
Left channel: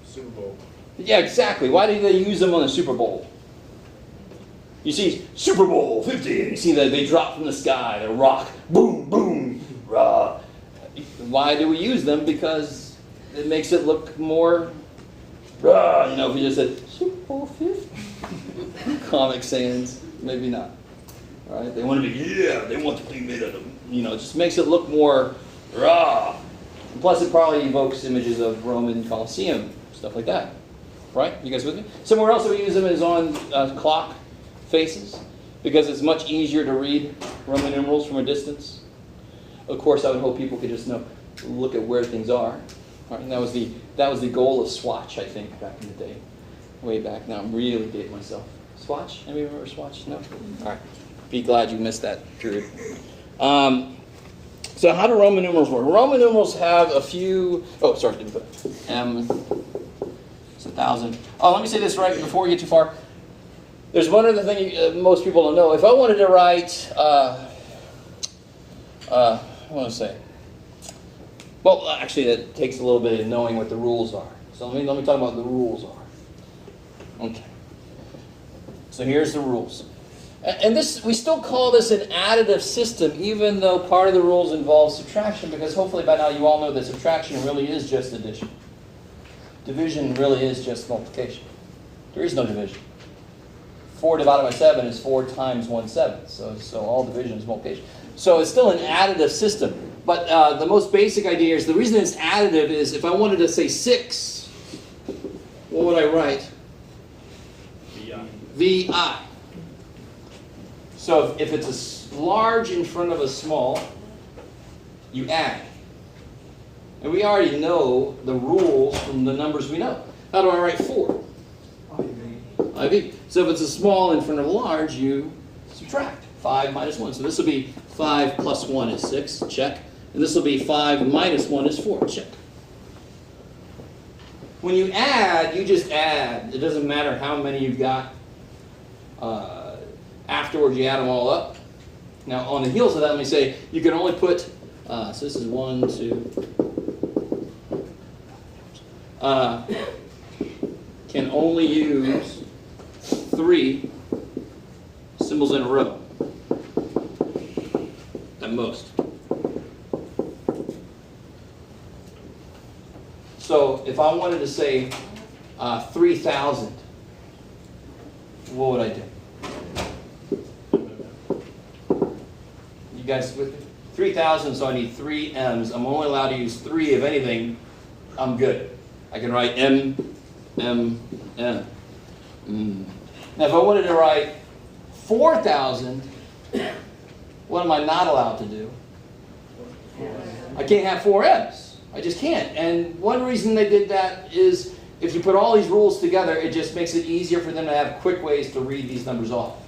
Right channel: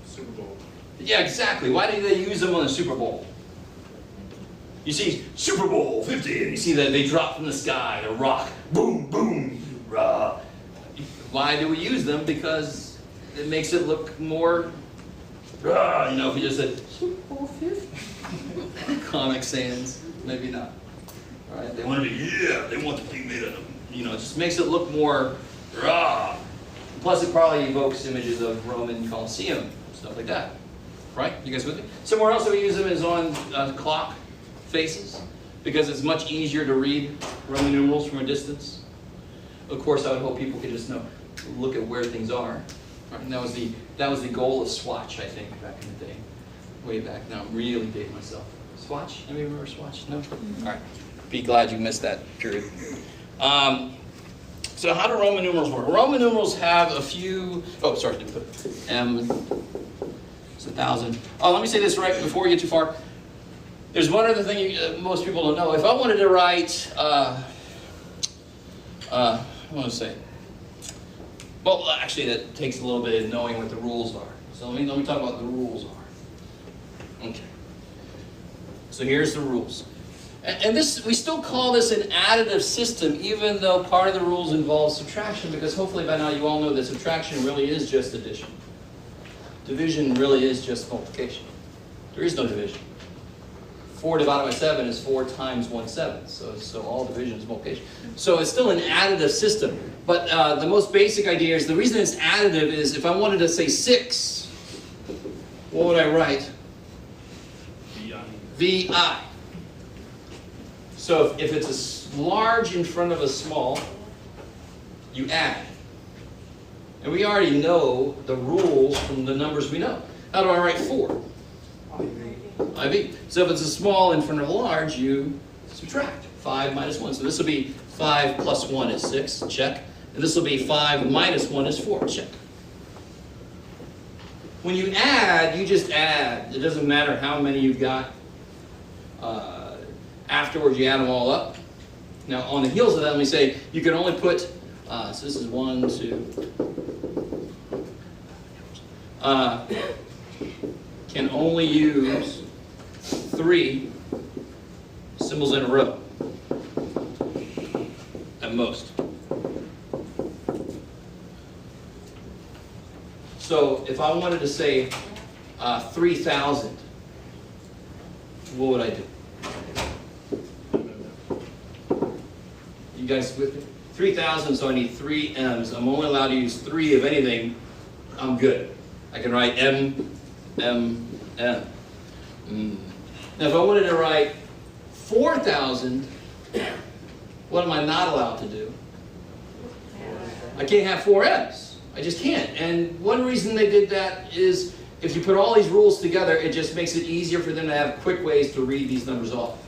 Super Bowl. Yeah, exactly. Why do they use them on the Super Bowl? You see Super Bowl 50, and you see that they drop from the sky, a rock, boom, boom, rah. Why do we use them? Because it makes it look more, rah. You know, if you just said Super Bowl 50, Comic Sans, maybe not. All right? They want to be, they want the thing made of them. You know, it just makes it look more, rah. Plus, it probably evokes images of Roman Colosseum, stuff like that. Right? You guys with me? Somewhere else that we use them is on clock faces, because it's much easier to read Roman numerals from a distance. Of course, I would hope people could just look at where things are. Right? And that was the goal of Swatch, I think, back in the day, way back. Now I'm really dating myself. Swatch? Anybody remember Swatch? No. All right. Be glad you missed that period. So how do Roman numerals work? Roman numerals have a few. Oh, sorry, didn't put it. M. It's 1,000. Oh, let me say this right before we get too far. There's one other thing most people don't know. If I wanted to write, I want to say, well, actually, that takes a little bit of knowing what the rules are. So let me talk about what the rules are. Okay. So here's the rules. And this, we still call this an additive system, even though part of the rules involve subtraction, because hopefully by now you all know that subtraction really is just addition. Division really is just multiplication. There is no division. 4 divided by 7 is 4 times 1/7. So all division is multiplication. So it's still an additive system. But the most basic idea is, the reason it's additive is, if I wanted to say 6, what would I write? VI. So if it's a large in front of a small, you add. And we already know the rules from the numbers we know. How do I write 4? IV. So if it's a small in front of a large, you subtract. 5 minus 1. So this will be 5 plus 1 is 6. Check. And this will be 5 minus 1 is 4. Check. When you add, you just add. It doesn't matter how many you've got. Afterwards, you add them all up. Now, on the heels of that, let me say, you can only put, so this is 1, 2, can only use 3 symbols in a row, at most. So, if I wanted to say 3,000, what would I do? You guys with me? 3,000, so I need 3 M's. I'm only allowed to use 3. If anything, I'm good. I can write M, M, M. Now, if I wanted to write 4,000, what am I not allowed to do? I can't have 4 M's. I just can't. And one reason they did that is, if you put all these rules together, it just makes it easier for them to have quick ways to read these numbers off.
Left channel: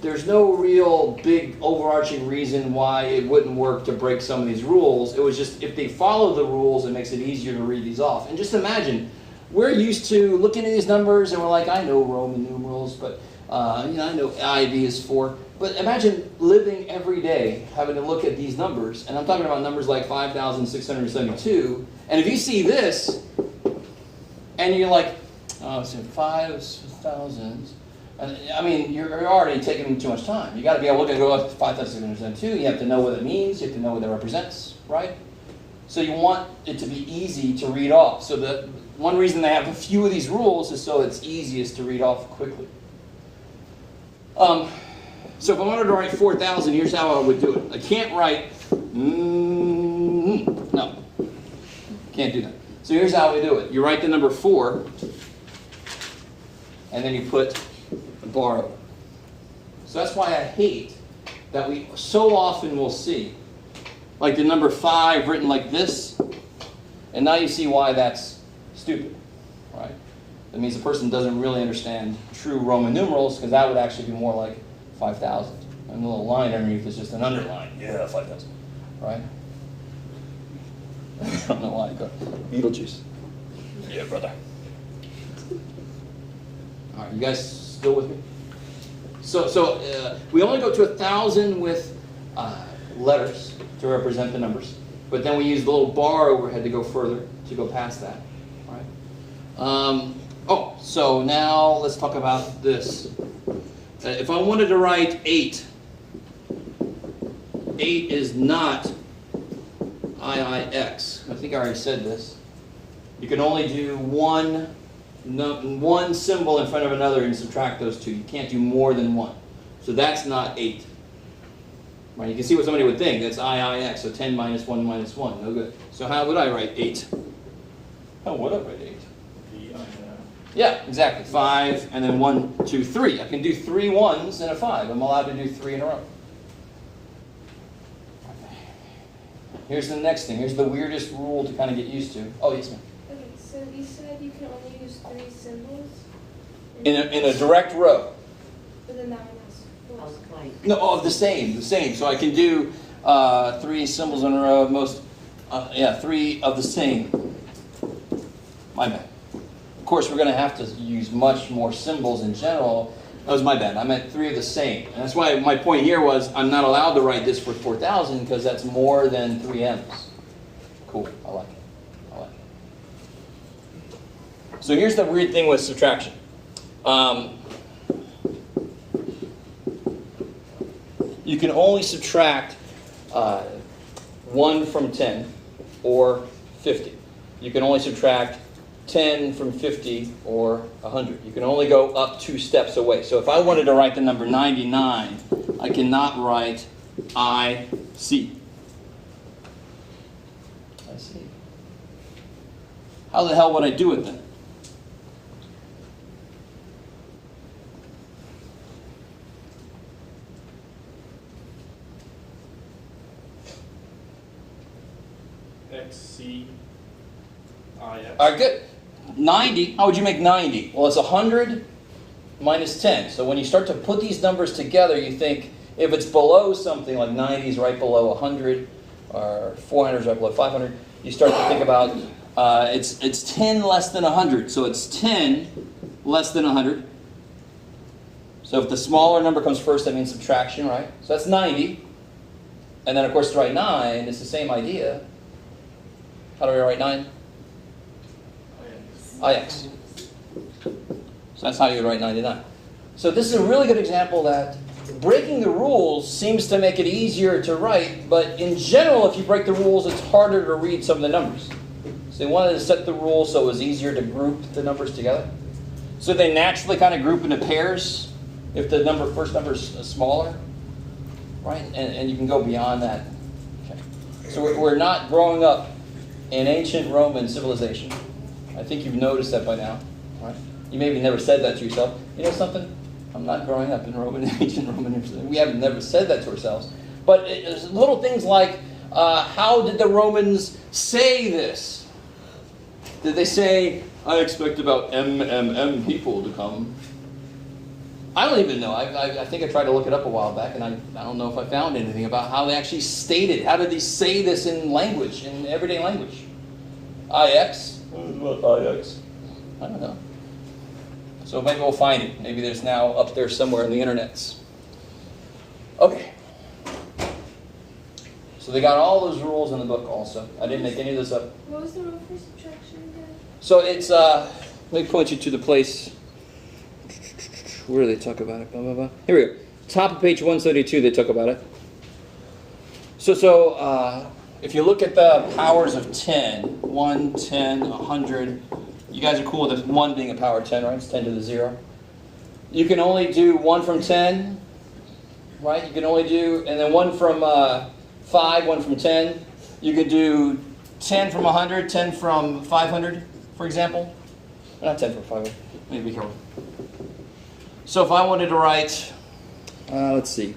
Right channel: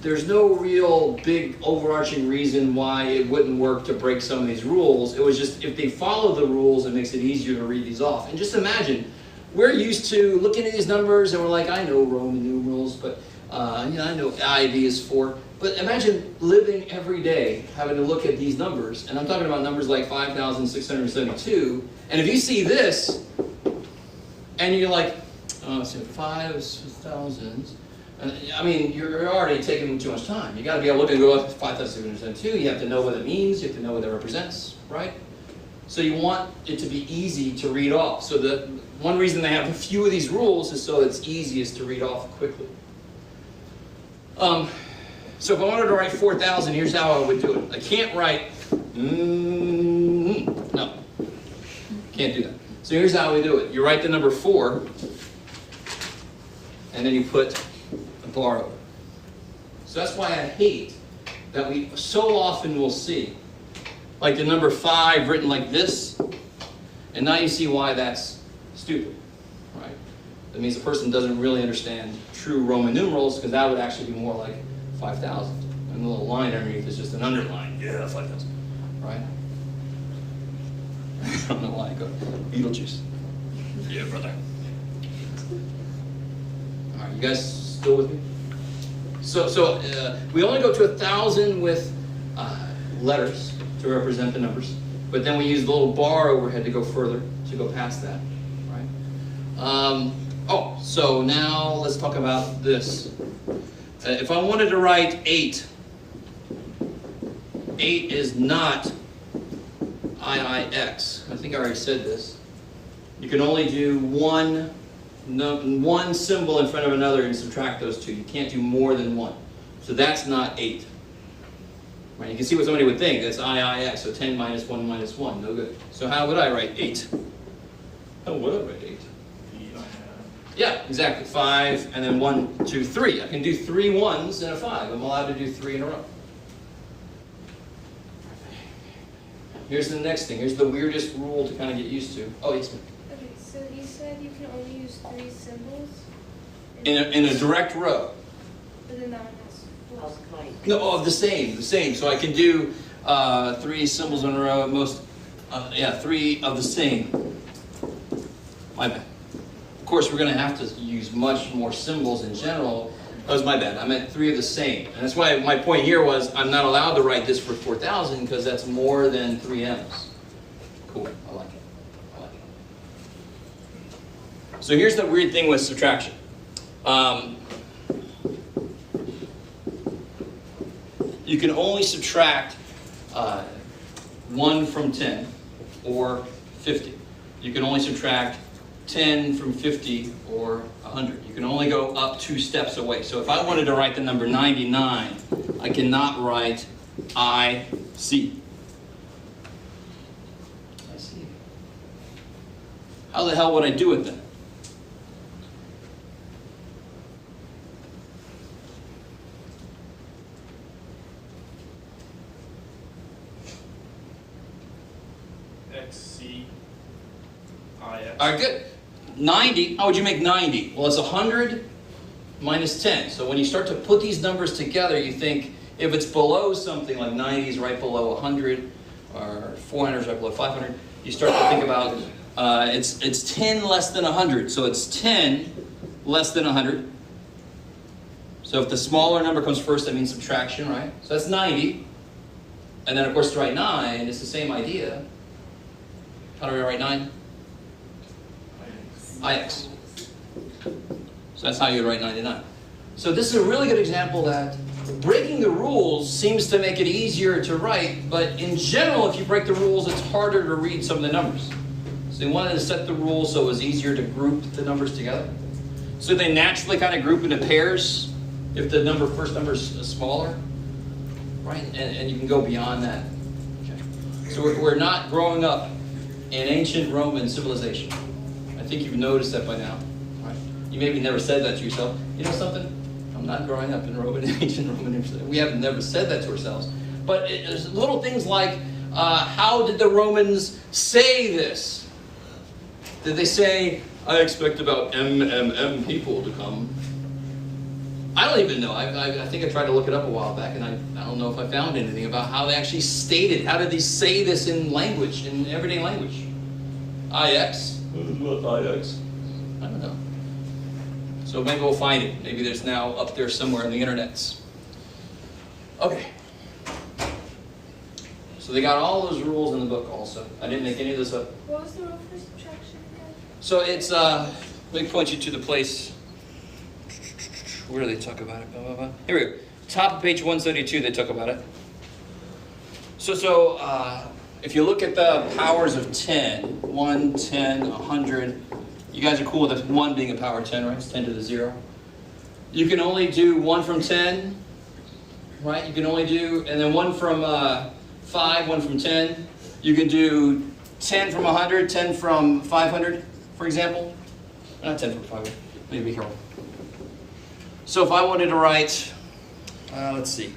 There's no real big overarching reason why it wouldn't work to break some of these rules. It was just, if they follow the rules, it makes it easier to read these off. And just imagine, we're used to looking at these numbers and we're like, I know Roman numerals, but I know IV is 4. But imagine living every day having to look at these numbers, and I'm talking about numbers like 5,672, and if you see this, and you're like, oh, it's 5,000. I mean, you're already taking too much time. You got to be able to go up to 5,672. You have to know what it means. You have to know what it represents, right? So you want it to be easy to read off. So the one reason they have a few of these rules is so it's easiest to read off quickly. So if I wanted to write 4,000, here's how I would do it. I can't write, no, can't do that. So here's how we do it. You write the number 4, and then you put a bar over it. So that's why I hate that we so often will see, like the number 5 written like this, and now you see why that's stupid, right? That means the person doesn't really understand true Roman numerals, because that would actually be more like 5,000. And the little line underneath is just an underline. Yeah, 5,000, right? I don't know why I go Beetlejuice. Yeah, brother. All right, you guys still with me? So we only go to 1,000 with letters to represent the numbers, but then we use the little bar overhead to go further, to go past that, right? So now let's talk about this. If I wanted to write 8, 8 is not IIX. I think I already said this. You can only do one symbol in front of another and subtract those two. You can't do more than one. So that's not 8. Right? You can see what somebody would think. That's IIX, so 10 minus 1 minus 1. No good. So how would I write 8? How would I write 8? Yeah, exactly. 5, and then 1, 2, 3. I can do 3 1s and a 5. I'm allowed to do 3 in a row. Here's the next thing. Here's the weirdest rule to kind of get used to. Oh, yes, ma'am. Okay, so you said you can only use 3 symbols? In a direct row. But then that one has 4. No, the same. So I can do 3 symbols in a row. 3 of the same. My bad. Of course, we're going to have to use much more symbols in general. That was my bad. I meant 3 of the same. And that's why my point here was I'm not allowed to write this for 4,000 because that's more than 3 M's. Cool. I like it. So here's the weird thing with subtraction. You can only subtract 1 from 10 or 50. You can only subtract 10 from 50 or 100. You can only go up 2 steps away. So if I wanted to write the number 99, I cannot write IC. I see. How the hell would I do it then? XCIX. All right, good. 90, how would you make 90? Well, it's 100 minus 10. So when you start to put these numbers together, you think if it's below something, like 90 is right below 100, or 400 is right below 500, you start to think about it's 10 less than 100. So it's 10 less than 100. So if the smaller number comes first, that means subtraction, right? So that's 90. And then, of course, to write 9, it's the same idea. How do we write 9? IX. So that's how you write 99. So this is a really good example that breaking the rules seems to make it easier to write, but in general, if you break the rules, it's harder to read some of the numbers. So they wanted to set the rules so it was easier to group the numbers together. So they naturally kind of group into pairs if the first number is smaller, right? And you can go beyond that. Okay. So we're not growing up in ancient Roman civilization. I think you've noticed that by now, right? You maybe never said that to yourself. You know something? I'm not growing up in ancient Roman. We haven't never said that to ourselves. But there's little things like, how did the Romans say this? Did they say, I expect about people to come? I don't even know. I think I tried to look it up a while back, and I don't know if I found anything about how they actually stated. How did they say this in language, in everyday language? IX? What IX? I don't know. So maybe we'll find it. Maybe there's now up there somewhere in the internets. Okay. So they got all those rules in the book also. I didn't make any of this up. What was the rule for subtraction again? So it's, let me point you to the place. Where do they talk about it? Blah, blah, blah. Here we go. Top of page 172, they talk about it. So if you look at the powers of 10, 1, 10, 100, you guys are cool with this 1 being a power of 10, right? It's 10 to the 0. You can only do 1 from 10, right? You can only do, and then 1 from 5, 1 from 10. You can do 10 from 100, 10 from 500, for example. Not 10 from 500. Let me be careful. So if I wanted to write, let's see.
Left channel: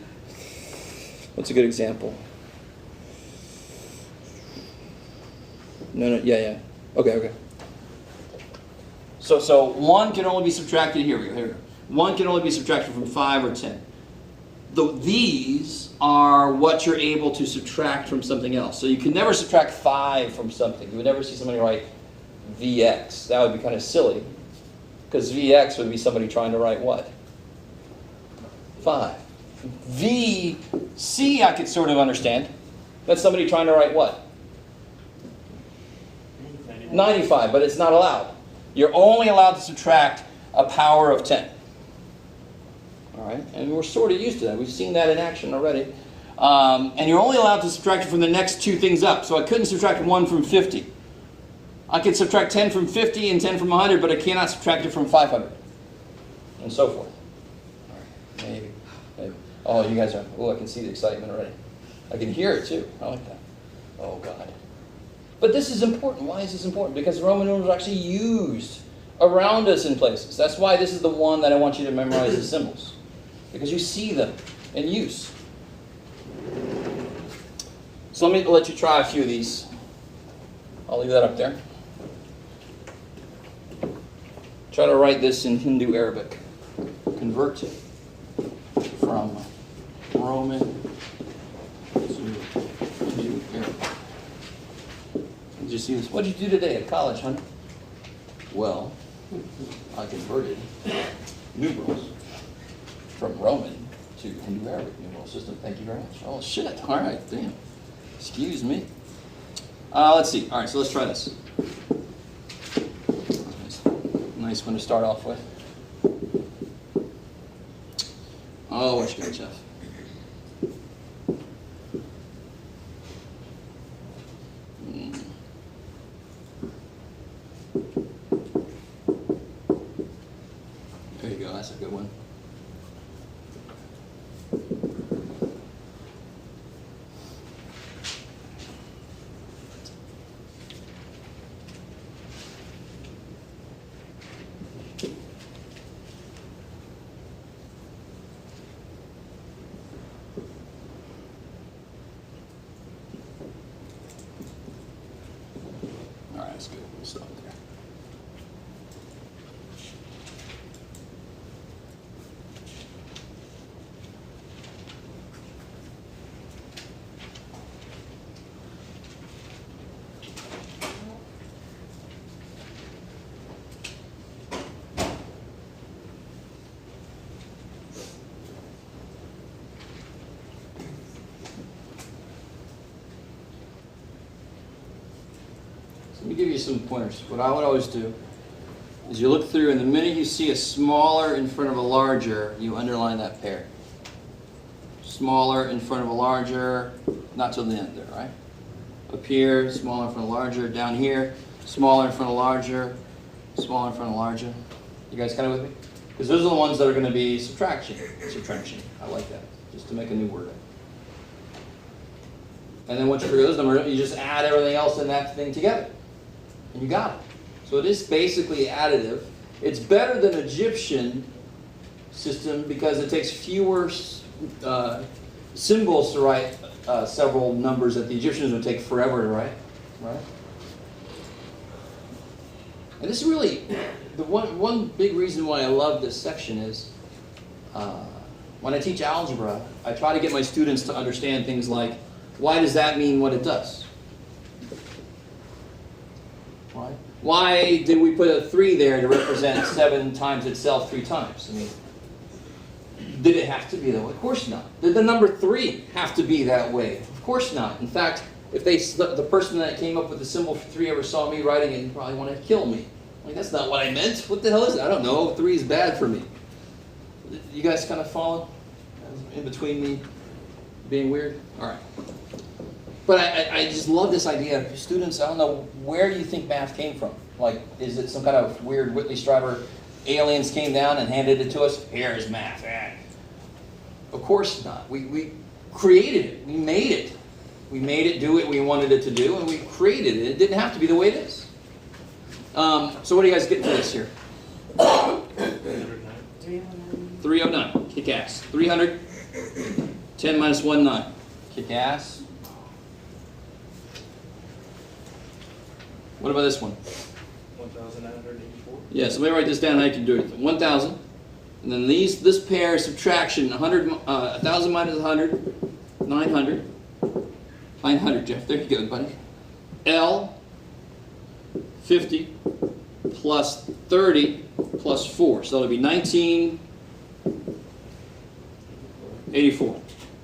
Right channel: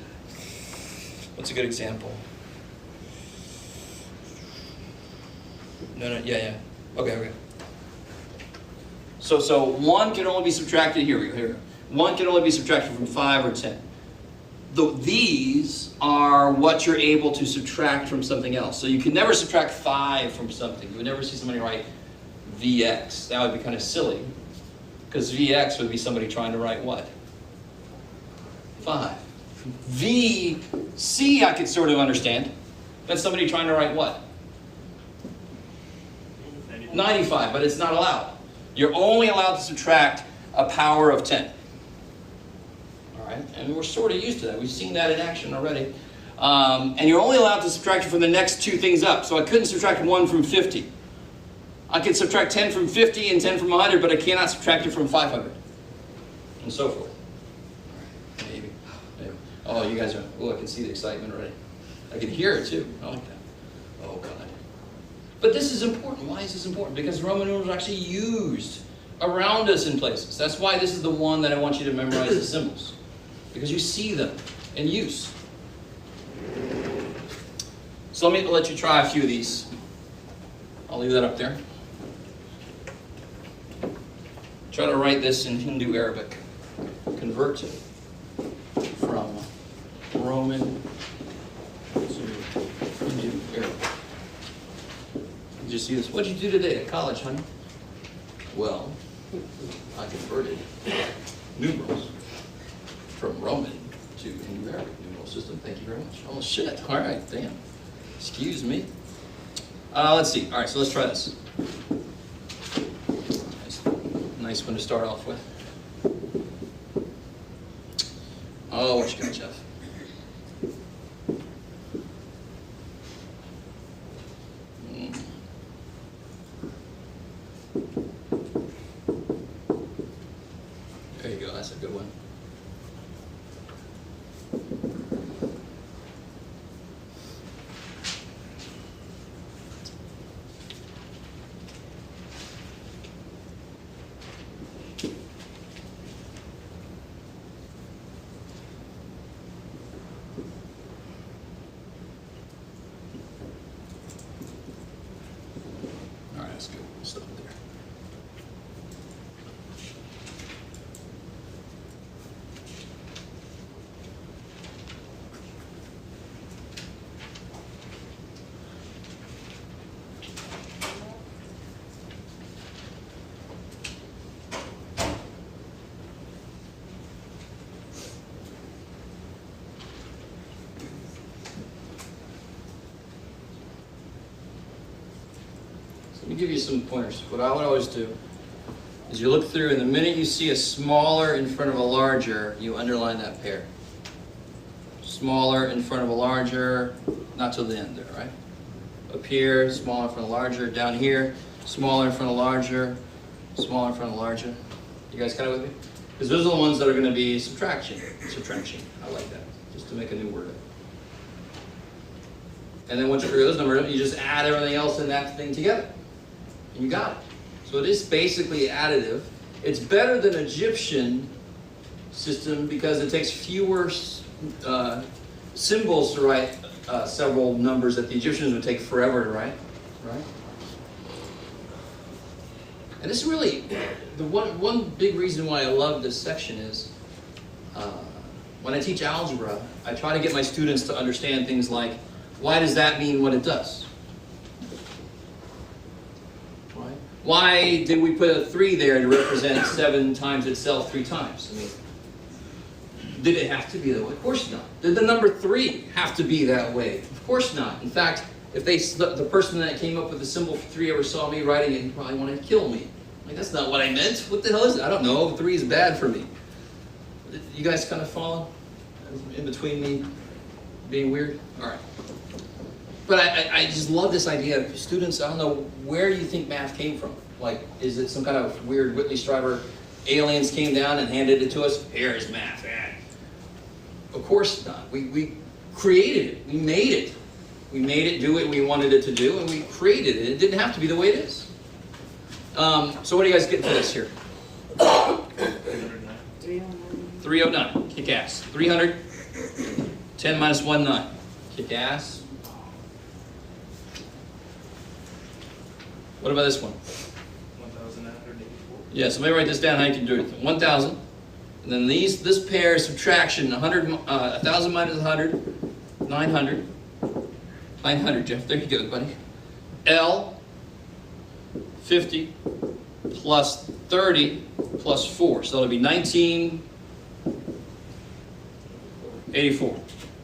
What's a good example? No, yeah. Okay. So 1 can only be subtracted, here we go. 1 can only be subtracted from 5 or 10. These are what you're able to subtract from something else. So you can never subtract 5 from something. You would never see somebody write Vx. That would be kind of silly, because Vx would be somebody trying to write what? 5. Vc I could sort of understand. That's somebody trying to write what? 95, but it's not allowed. You're only allowed to subtract a power of 10. All right, and we're sort of used to that. We've seen that in action already. And you're only allowed to subtract it from the next 2 things up. So I couldn't subtract 1 from 50. I could subtract 10 from 50 and 10 from 100, but I cannot subtract it from 500. And so forth. Maybe. Oh, you guys are, I can see the excitement already. I can hear it too. I like that. Oh, God. But this is important. Why is this important? Because Roman numerals are actually used around us in places. That's why this is the one that I want you to memorize the symbols. Because you see them in use. So let me let you try a few of these. I'll leave that up there. Try to write this in Hindu Arabic. Convert from Roman to Hindu Arabic. Did you see this? What did you do today at college, honey? Well, I converted numerals from Roman to Hindu Arabic numeral system. Thank you very much. Oh, shit. All right, damn. Excuse me. Let's see. All right, so let's try this. Nice one to start off with. Oh, what you got, Jeff? There you go. That's a good one. All right, that's good. We'll stop it there. Let me give you some pointers. What I would always do is you look through, and the minute you see a smaller in front of a larger, you underline that pair. Smaller in front of a larger, not till the end there, right? Up here, smaller in front of larger. Down here, smaller in front of larger, smaller in front of larger. You guys kind of with me? Because those are the ones that are going to be subtraction. Subtraction. I like that. Just to make a new word. And then once you figure those numbers, you just add everything else in that thing together. And you got it. So it is basically additive. It's better than Egyptian system because it takes fewer symbols to write several numbers that the Egyptians would take forever to write. Right? And this is really, the one big reason why I love this section is when I teach algebra, I try to get my students to understand things like, why does that mean what it does? Why did we put a 3 there to represent 7 times itself 3 times? I mean, did it have to be that way? Of course not. Did the number 3 have to be that way? Of course not. In fact, if the person that came up with the symbol for 3 ever saw me writing it, he probably wanted to kill me. Like, that's not what I meant. What the hell is it? I don't know. 3 is bad for me. You guys kind of follow in between me being weird? All right. But I just love this idea of students. I don't know where you think math came from. Like, is it some kind of weird Whitley Strieber aliens came down and handed it to us? Here is math. Of course not. We created it. We made it. We made it do what we wanted it to do, and we created it. It didn't have to be the way it is. So what do you guys get for this here? 309. Kick ass. 300. 10 minus 1, 9. Kick ass. What about this one? 1,984. Yeah, so let me write this down. I can do it. 1,000. And then this pair subtraction. 1,000 minus 100. 900. 900, Jeff. There you go, buddy. L 50 plus 30 plus 4. So it'll be 1984.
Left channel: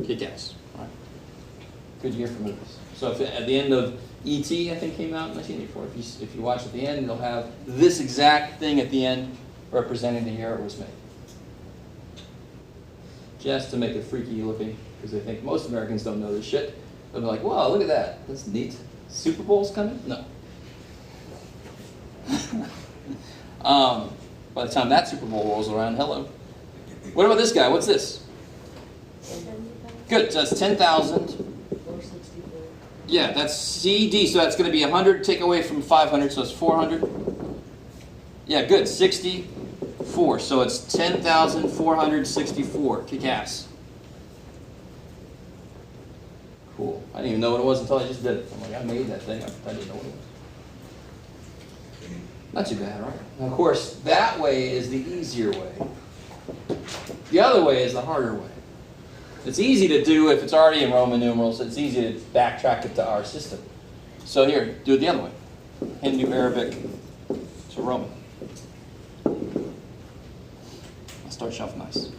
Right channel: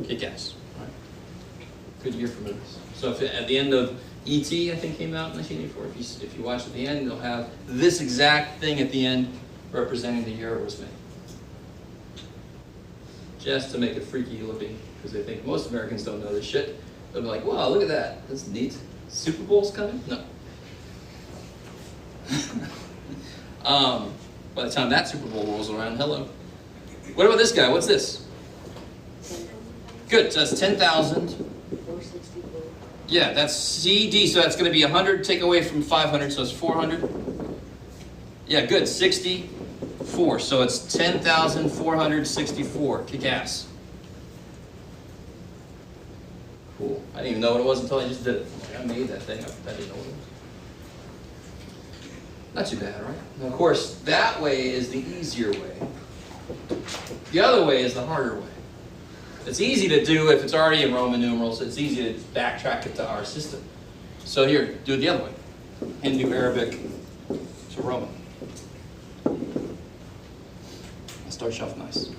Kick ass. All right. Good year for movies. So if at the end of E.T., I think, came out in 1984. If you watch at the end, you'll have this exact thing at the end representing the year it was made. Just to make it freaky looking, because I think most Americans don't know this shit. They'll be like, wow, look at that. That's neat. Super Bowl's coming? No. By the time that Super Bowl rolls around, hello. What about this guy? What's this? Good. So that's 10,000. 464. Yeah, that's CD. So that's going to be 100. Take away from 500, so it's 400. Yeah, good. 64. So it's 10,464. Kick ass. Cool. I didn't even know what it was until I just did it. I'm like, I made that thing. I didn't know what it was. Not too bad, right? Now, of course, that way is the easier way. The other way is the harder way. It's easy to do if it's already in Roman numerals. It's easy to backtrack it to our system. So here, do it the other way. Hindu, Arabic to Roman. Let's start shelf nice.